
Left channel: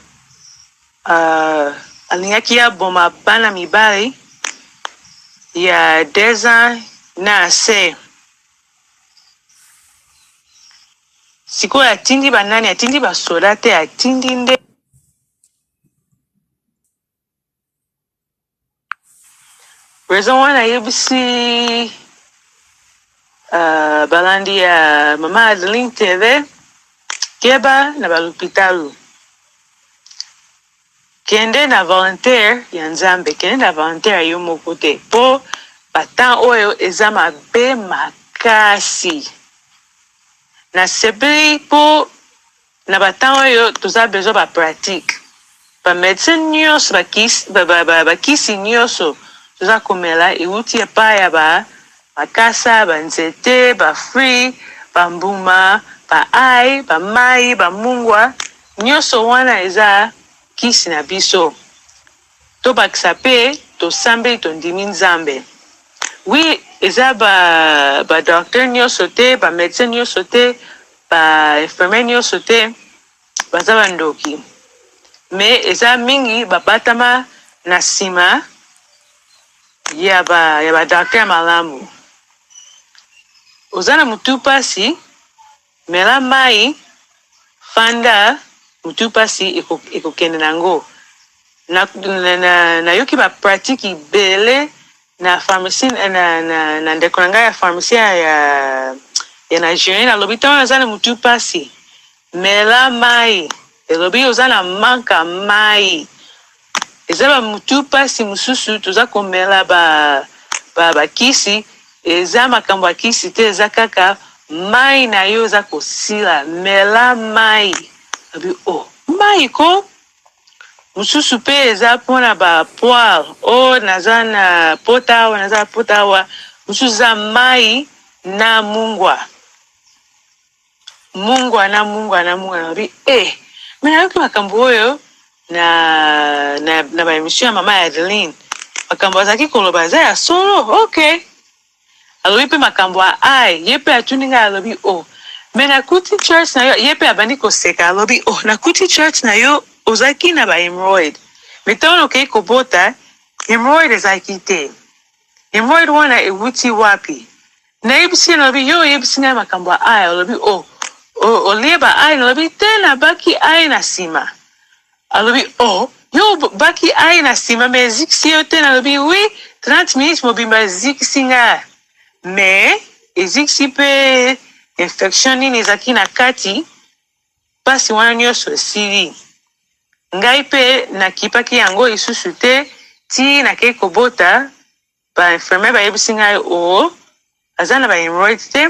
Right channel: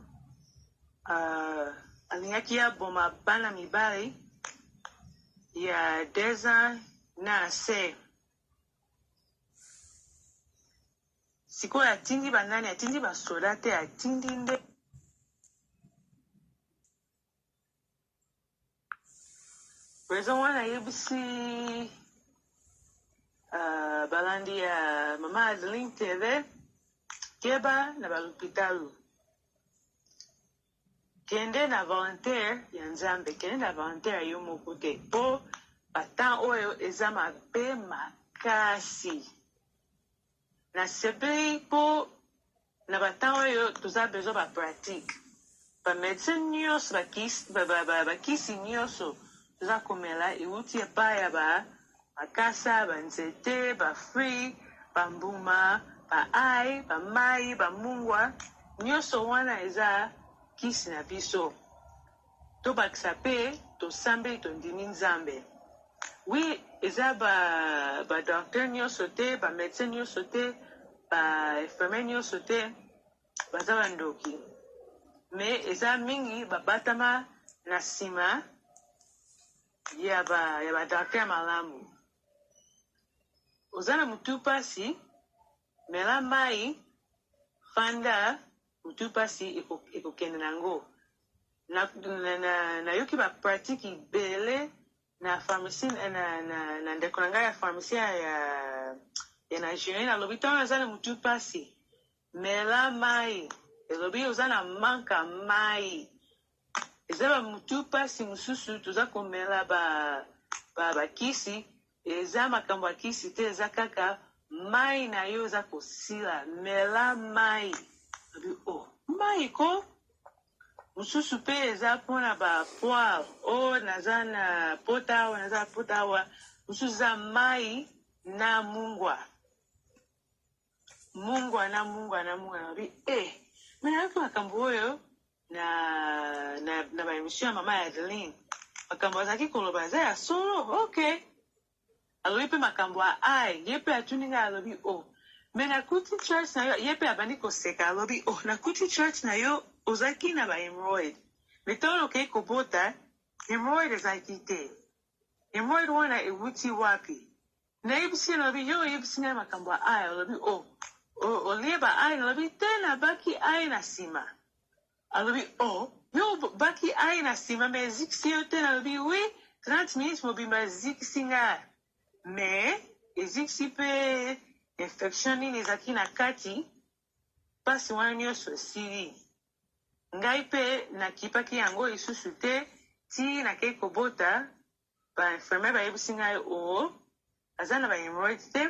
alingaki aboma bana mibali ya 10 ans na ase sikoyo atindi banani atindi basoda te atindi nde raison wana ayebisi balandi ya mama Adeline TV keba na balopitalo kende na volontaire ya Nzambe kende na volontaire yo moko te mpo batan oyo eza mabe makasi nasepeli mpo na batan oyo toza besoin bapratique bamédecin nyonso bakisi nyonso toza komela euti epai ya bakasa banzete bafruit bambuma baai bamai bamungwa nyonso wana eza kisi na biso tobakisa mpe tosambeli tondimi Nzambe oui eza badocteur nyonso te bamédecin nyonso te bainfirmier nyonso te baza bandoki me eza mingi babatama na nsima ya ba docteur malamu. Ozana mutu pasi mela mai fanda mutu pasi ekokende nango. Na yoki ba pratique ibele na pharmacie na ndeko nanga ya pharmacie ya Nigeria na lobi tawana zana mutu pasi mela mai elobi ozana manka mai ezaba mutu pasi mususu toza komela ba kisi eza makambo ya kisi te eza kaka mai na yo eza kosila mela mai abi mai ko mususu pe eza mpona ba poire naza na pota awa mususu eza mai na mungwa nabi me nayoki makambo oyo na ba émission ya mama ya Adeline makambo azalaki koloba eza ya solo ok alobi mpe makambo ya ai ye mpe atuni ngai alobi me nakuti church na yo ye mpe abandi koseka alobi nakuti church na yo ozalaki na ba hemorrhoid me ntango okei kobota hemorrhoid ezalaki te hemorrhoid wana ewuti wapi nayebisi nalobi yo oyebisi ngai makambo ya ai alobi olie ba ai nalobi te nabaki ai na nsima alobi yo baki ai na nsima me ezikisi yo te nalobi wi 30 minutes mobimba ezikisi nga me ezikisi mpe infection nini ezalaki na kati mpasi wana nyonso esili ngai mpe nakipaki yango lisusu te ti nakei kobota bainfirmiere bayebisi ngai aza na bahemorrhoid te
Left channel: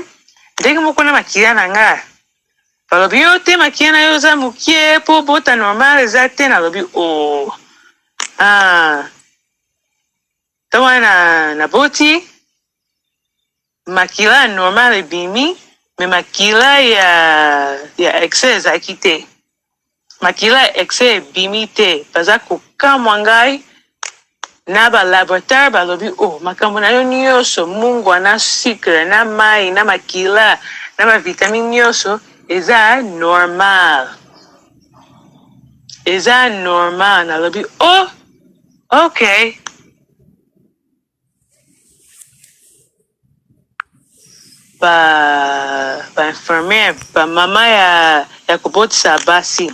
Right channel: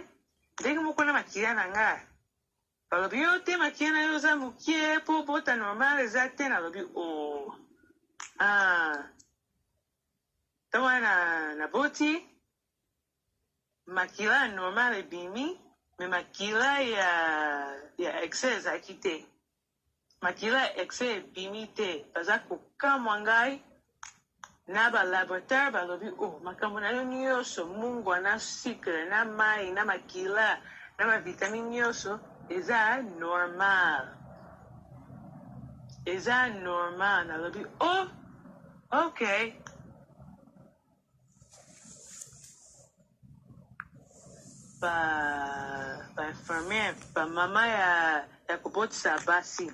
ndenge moko na makila na nga balobi yo te makila na yo oza mokie mpo bota normal eza te nalobi ta wana naboti makila normal ebimi me makila ya excès ezalaki te makila excès ebimi te baza kokamwa ngai na balaboratoire balobi makambo na yo nyonso mungwa na sucre na mai na makila na bavitamine nyonso eza normal nalobi ok ba infirmière ba mama ya kobotisa basi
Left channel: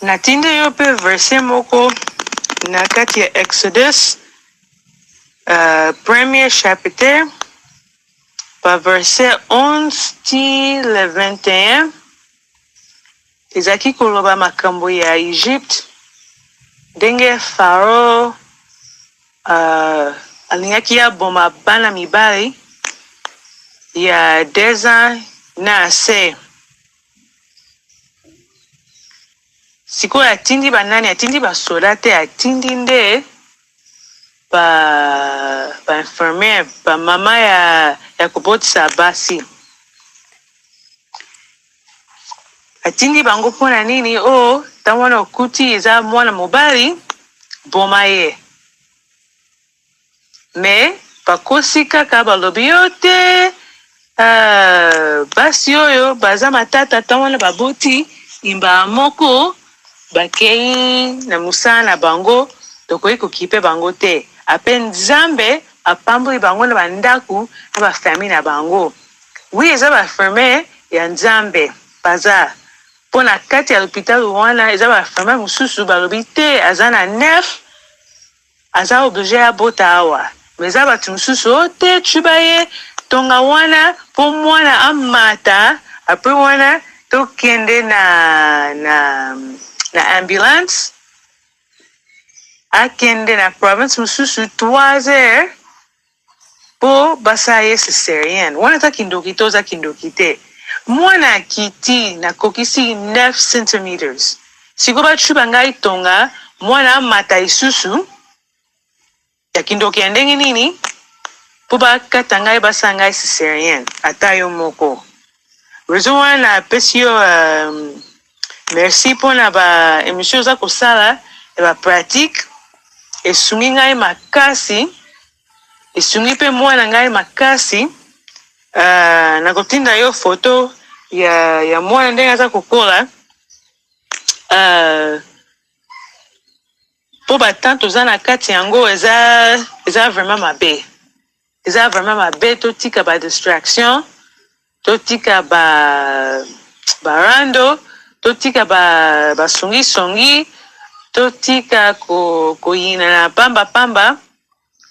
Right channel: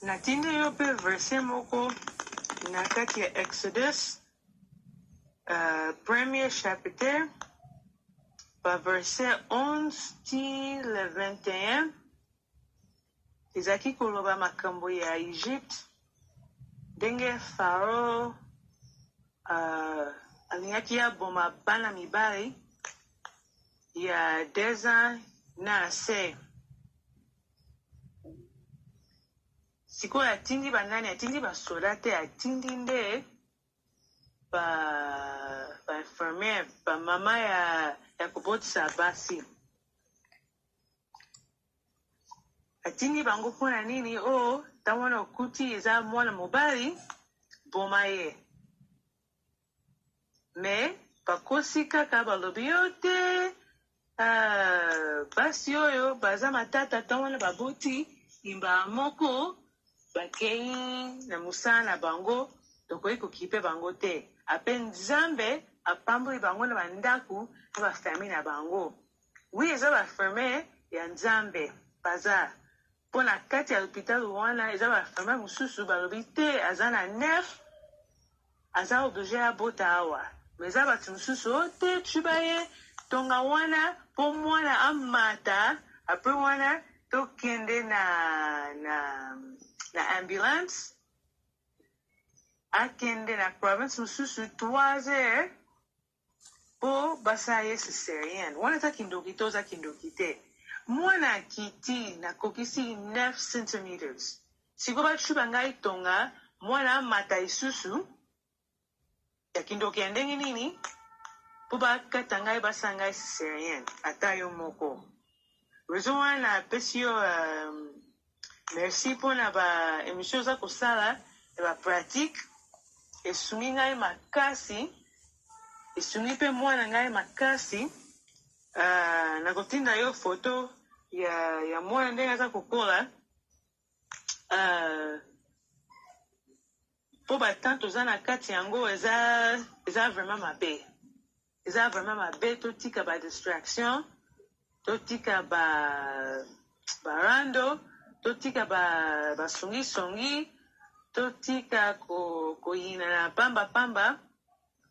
natinde yo mpe verset moko na kati ya Exodus premier chapitre pa verset 11 ti le 21 ezalaki koloba makambo ya Egypte ndenge Faro alingaki aboma bana mibali ya 10 ans na ase sikoyo atindi banani atindi basoda te atindi nde ba infirmière ba mama ya kobotisa basi atindi bango mpona nini ntango wana okuti eza mwana mobali boma ye me bakosi kaka balobi yo te basi oyo baza matata ntango wana baboti imbala moko bakei na mosala na bango tokoki kokipe bango te ape Nzambe apamboli bango na bandako na bafamille na bango wi eza bafirmiere ya Nzambe baza mpo na kati ya l'hôpital wana eza bafirmiere mosusu balobi te aza na 9 aza oblige abota awa me eza bato mosusu te tuba ye tonga wana mpo mwana amata apres wana tokende na ambulance akende na province mosusu 3 heures mpo basala ye césarienne wana eza kindoki te oza kindoki te mwana akiti nakokisi 9 centimeters siko bacuba ngai tonga mwana amata lisusu ya kindoki ya ndenge nini mpo bakata ngai basala ngai césarienne ata yo moko raison wana apesi yo merci mpona ba émission oza kosala ya ba pratique esungi ngai makasi esungi mpe mwana ngai makasi nakotinda yo foto ya mwana ndenge aza kokola po batant toza na kati yango eza vraiment mabe. Eza vraiment mabe, totika ba distraction, totika ba rando, totika ba songi, totika koyina na pamba,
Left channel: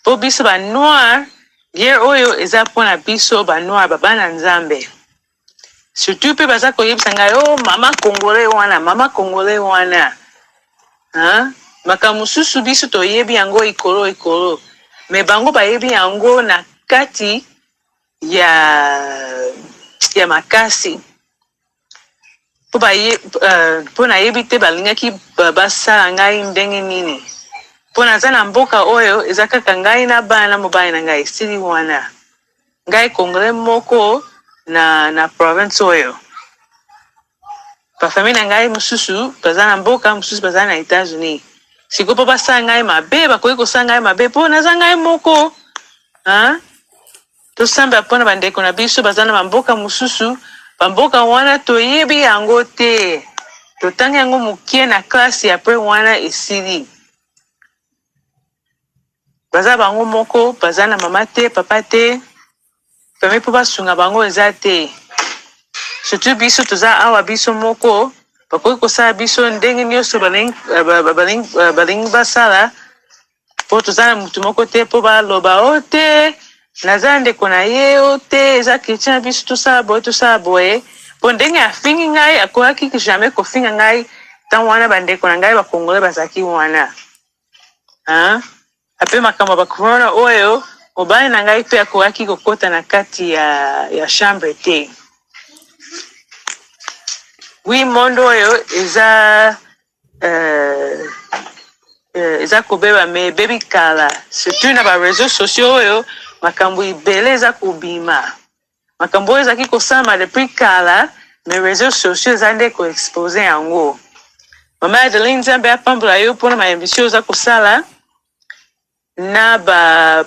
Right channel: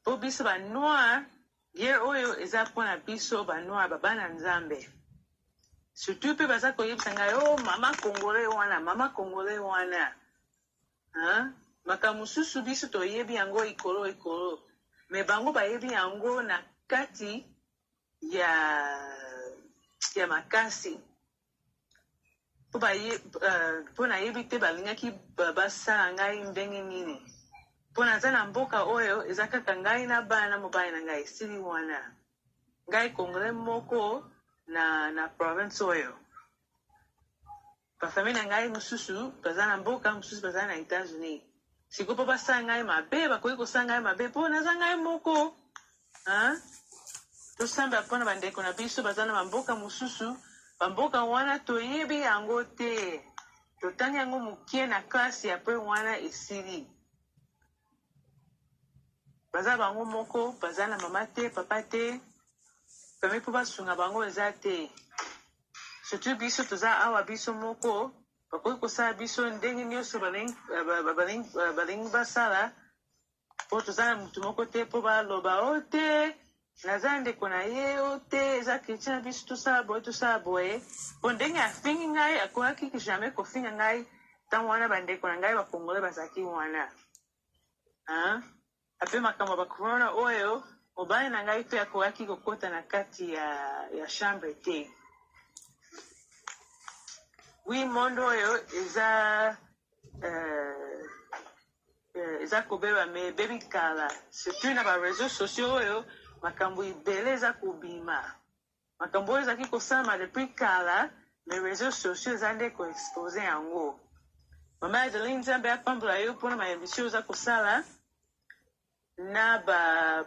po biso ba noir, guerre oyo eza pona biso ba noir babana Nzambe. Surtout pe baza koyebisa ngai, oh mama Congolais wana. Hein? Makambo susu biso toyebi yango ikolo. Me bango bayebi yango na kati ya makasi. Po nayebi te balingaki basala ngai ndenge nini. Po naza na mboka oyo eza kaka ngai na bana mobali na ngai esili wana. Ngai Congolais moko na province oyo. Pa famille na ngai mususu baza na mboka, mususu baza na États-Unis. Siko po basala ngai mabe, bakoki kosala ngai mabe po naza ngai moko. Hein? Tosamba pona bandeko na biso baza na mboka mususu, bamboka wana toyebi yango te. Totangi yango mukie na klasi apres wana esili. Baza bango moko, baza na mama te, papa te. Pame po basunga bango eza te. Surtout biso toza awa biso moko, bakoki kosala biso ndenge nyonso balingi basala, po toza na mutu moko te, po baloba o te, naza ndeko na ye o te, eza chrétien na biso tosala boye, po ndenge afingi ngai, akoki jamais kofinga ngai, tan wana bandeko na ngai bakongole bazaki wana. Ape makambo bakorona oyo, mobali na ngai pe akoki kokota na kati ya chambre te. Oui, mondo oyo eza kobeba me baby kala. Surtout na ba réseaux sociaux oyo makambo ibele eza kobima. Makambo oyo ezaki kosama depuis kala, me réseaux sociaux eza nde ko expose yango. Mama Adeline Nzambe apambola yo pona ma émission eza kosala na ba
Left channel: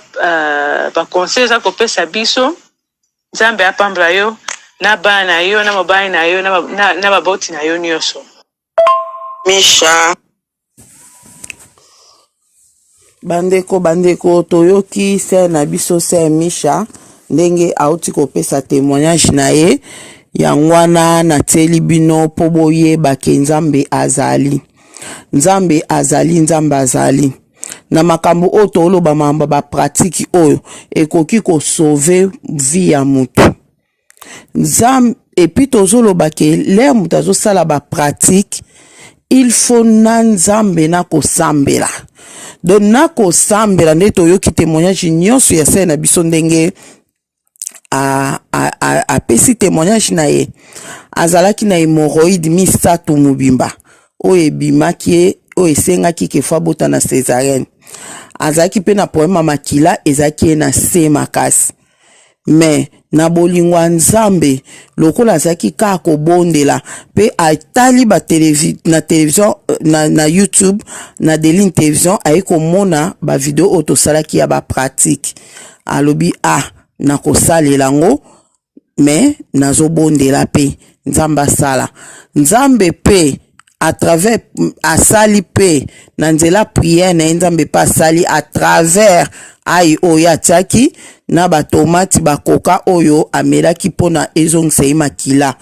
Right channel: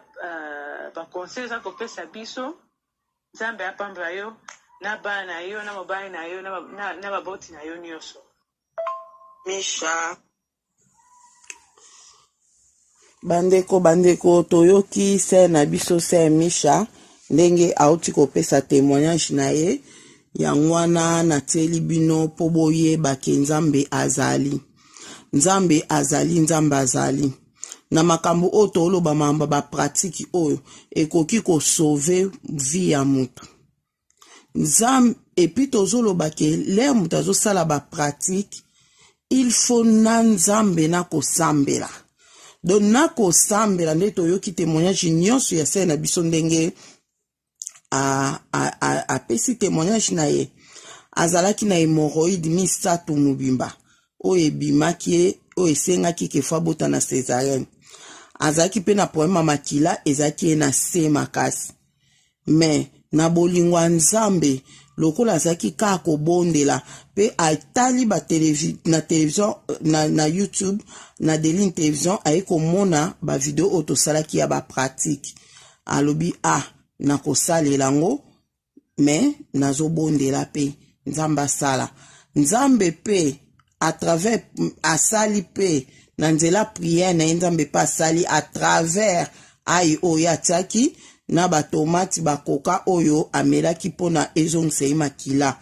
conseil eza kopesa biso. Nzambe apambola yo na bana yo na mobali na yo na baboti na yo nyonso. Micha bandeko toyoki se na biso se Micha ndenge auti kopesa témoignage na ye yangwana na teli bino po boyeba ke Nzambe azali. Nzambe azali na makambo oyo toloba mamba ba pratique oyo ekoki ko sauver vie ya mutu. Nzambe epi tozoloba ke le mutu azosala ba pratique, il faut na Nzambe na kosambela. Donc na kosambela nde toyoki témoignage nyonso ya se na biso ndenge apesi témoignage na ye. Azalaki na hémorroïde misato mobimba oyo ebimaki ye, oyo esengaki kefa bota na césarienne. Azalaki pe na problème makila ezaki ye na se makasi. Mais na bolingo ya Nzambe lokola azaki kaka kobondela pe atali na télévision na YouTube na Deline télévision ayi komona ba video oyo tosalaki ya ba pratique. Alobi na kosalela ngo mais nazobondela pe Nzambe asala. Nzambe pe à travers asali pe na Nzela prière na Nzambe pa asali à travers ai oyo atiaki na ba tomate bakoka oyo amelaki pona ezongisa makila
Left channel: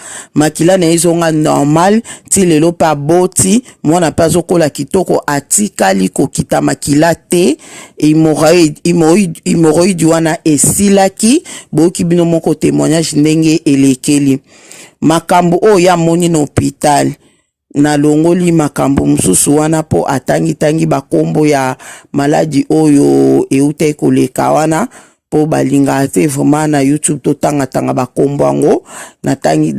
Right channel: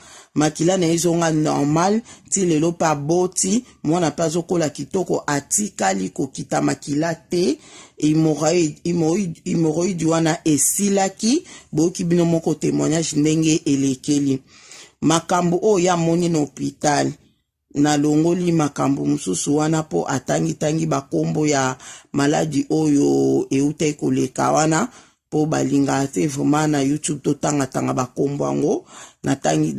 na ezonga normal ti lelo pa boti mwana pa zokola kitoko atikali kokita makila te hémorroïde wana esilaki boki bino moko témoignage ndenge elekeli makambo oyo ya moni na hôpital na longoli makambo mususu wana po atangi bakombo ya maladi oyo eute koleka wana po balinga te vraiment na YouTube to tanga bakombo yango na tangi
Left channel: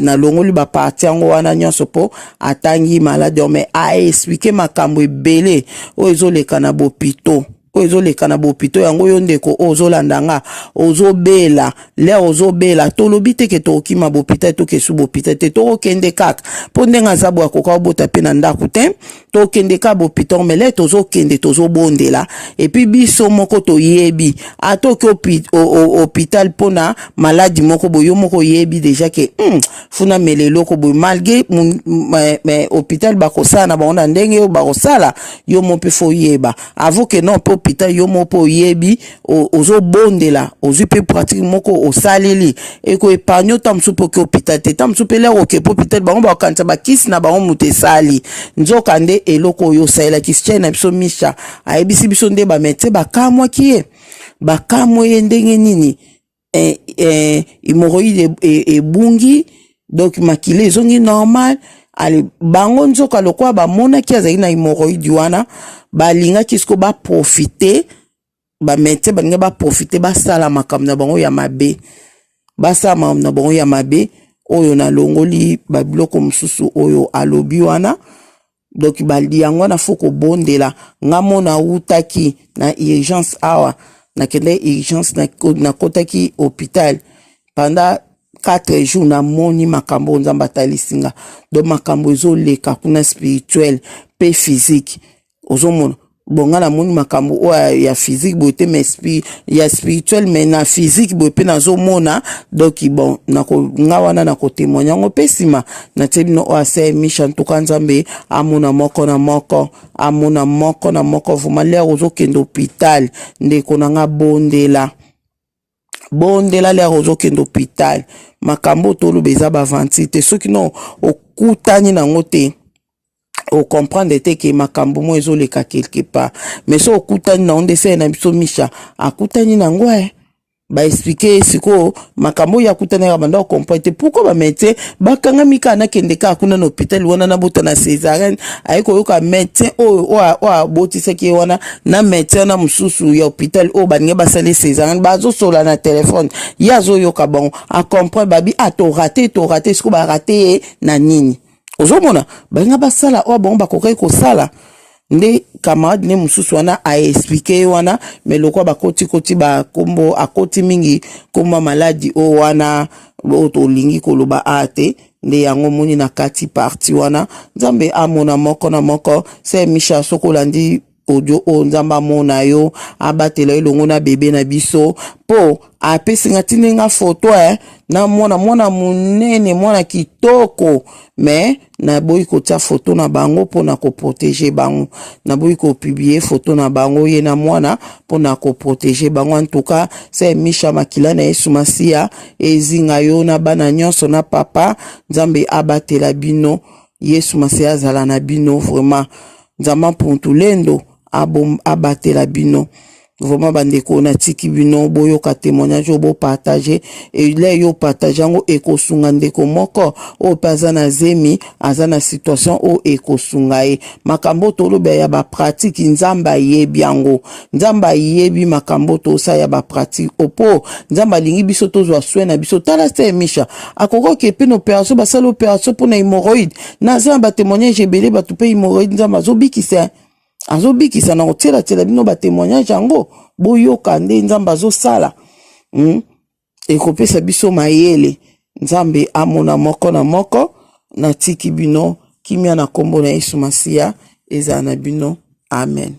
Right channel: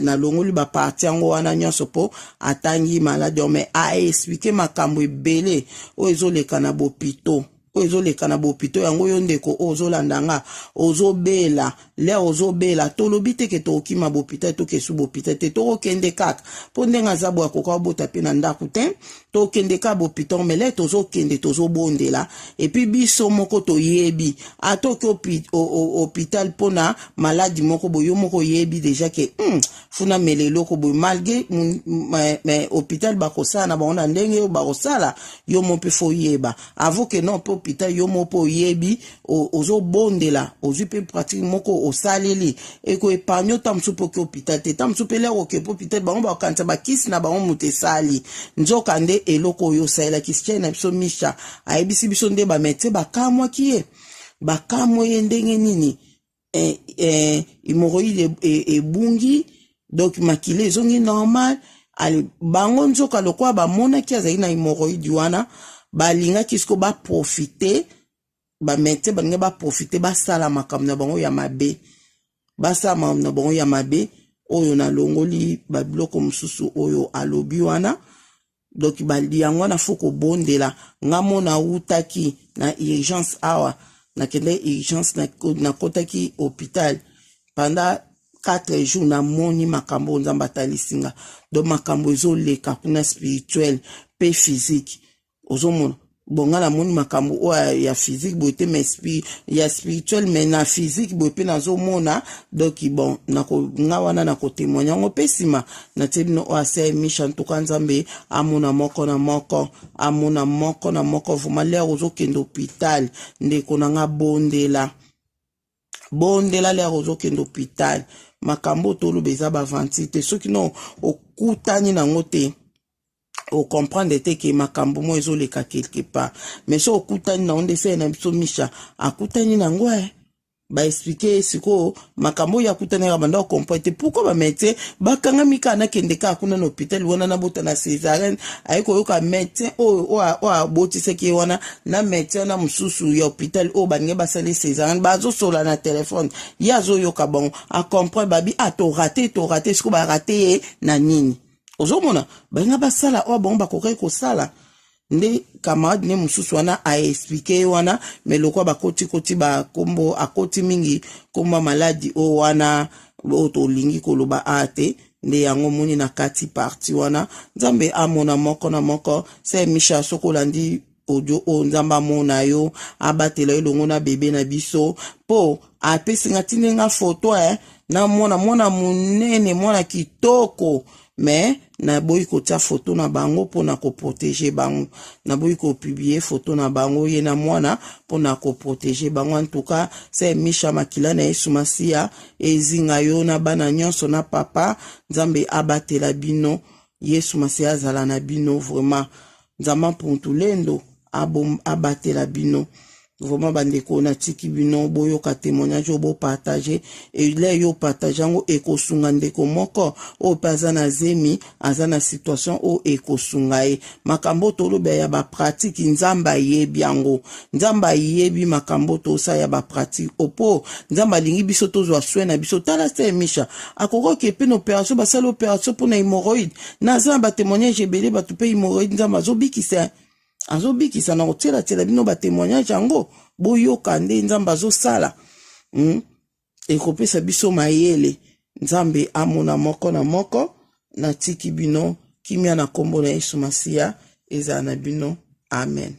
na longoli ba parti yango wana nyonso po atangi maladi mais a expliquer makambo ebele oyo ezoleka na bopito o ezoleka na bopito yango yo ndeko ozolandanga ozobela le ozobela tolobi te ke tokima bopita tokesu bopita te tokende kaka po ndenga zabu akoka obota pe na ndako te tokende ka bopito mele tozokende tozobondela epi biso moko toyebi atoki hôpital pona maladi moko boyo moko yebi deja ke funa melelo ko boy malgré hôpital bakosala na bango na ndenge yo bakosala yo mo pe fo yeba avo ke non pe hôpital yo mo po yebi ozobondela ozwi pe pratique moko osaleli eko epargne tamsu po ke hôpital te tamsu pe le oke po hôpital bango bakanisa bakisi na bango mutu esali nzoka nde eloko oyo osalelaki sitie na biso Micha ayebisi biso nde bamete bakamwaki ye bakamwe ye ndenge nini hémorroïde ebungi donc makile ezongi normal ale bango nzoka lokwa bamonaki azali na hémorroïde wana balingaki siko baprofite bamete balinga baprofite basala makambo na bango ya mabe basala makambo na bango ya mabe oyo na longoli babiloko mosusu oyo alobi wana donc bali yango wana fo kobondela ngamo na utaki na urgence awa na kende urgence na kotaki hôpital pendant 4 jours na moni makambo Nzambe atalisinga donc makambo ezoleka kuna spirituel pe physique ozomona bonga na moni makambo ya physique bote mais ya spirituel mais na physique bope nazomona donc bon nako ngawana na ko témoigner ngo pesima na tebino ase Micha ntuka Nzambe amona moko na moko vraiment le ozokende hôpital ndeko nanga bondela le ozokende hôpital makambo tolo beza bavantite soki no okutani nango te o comprendre te ke makambo mo ezoleka quelque part mais so okutani na onde se na biso Micha akutani nango ba expliquer siko makambo ya kutani ya banda o comprendre pourquoi ba médecin bakanga mika na kende ka kuna na hôpital wana na bota na césarienne ayiko yoka médecin o boti seki wana na médecin na mususu ya hôpital o baninga basale césarienne bazo sola na téléphone yazo yoka bon a comprendre babi to raté siko ba raté na nini ozomona balinga basala o bon bakokai ko sala nde camarade ne mususu wana a expliqué wana mais lokwa bakoti ba kombo akoti mingi komba maladi o wana o to lingi koloba ate nde yango moni na kati parti wana Nzambe amona moko na moko se Micha sokolandi audio o Nzambe amona yo abatela elongo na bebe na biso po apesinga tinenga photo na mwana munene mwana kitoko mais na boyi kotia photo na bango pona ko protéger bango na boyi ko publier photo na bango ye na mwana pona ko protéger bango en tout cas c'est Micha makila na Yesu Masia ezinga yo na bana nyonso na papa Nzambe abatela bino Yesu Masia azala na bino vraiment Nzambe pontulendo abatela bino vraiment bandeko na tiki bino boyo ka témoignage bo partager et là yo partager ngo ekosunga ndeko moko o paza na zemi azana situation o ekosunga makambo tolobe ya ba pratique Nzamba yebi yango Nzamba yebi makambo to sa ya ba pratique opo Nzamba lingi biso tozwa soin na biso tala se Micha akoko ke pe no opération ba sala opération pour na hémorroïde na Nzamba témoignage ebele ba tupe hémorroïde Nzamba zobikisa azobikisa na otela bino ba témoignage yango boyoka nde Nzambe azosala ekopesa biso mayele Nzambe amona moko na moko na tiki bino kimia na kombo na Yesu Masia ezala na bino amen.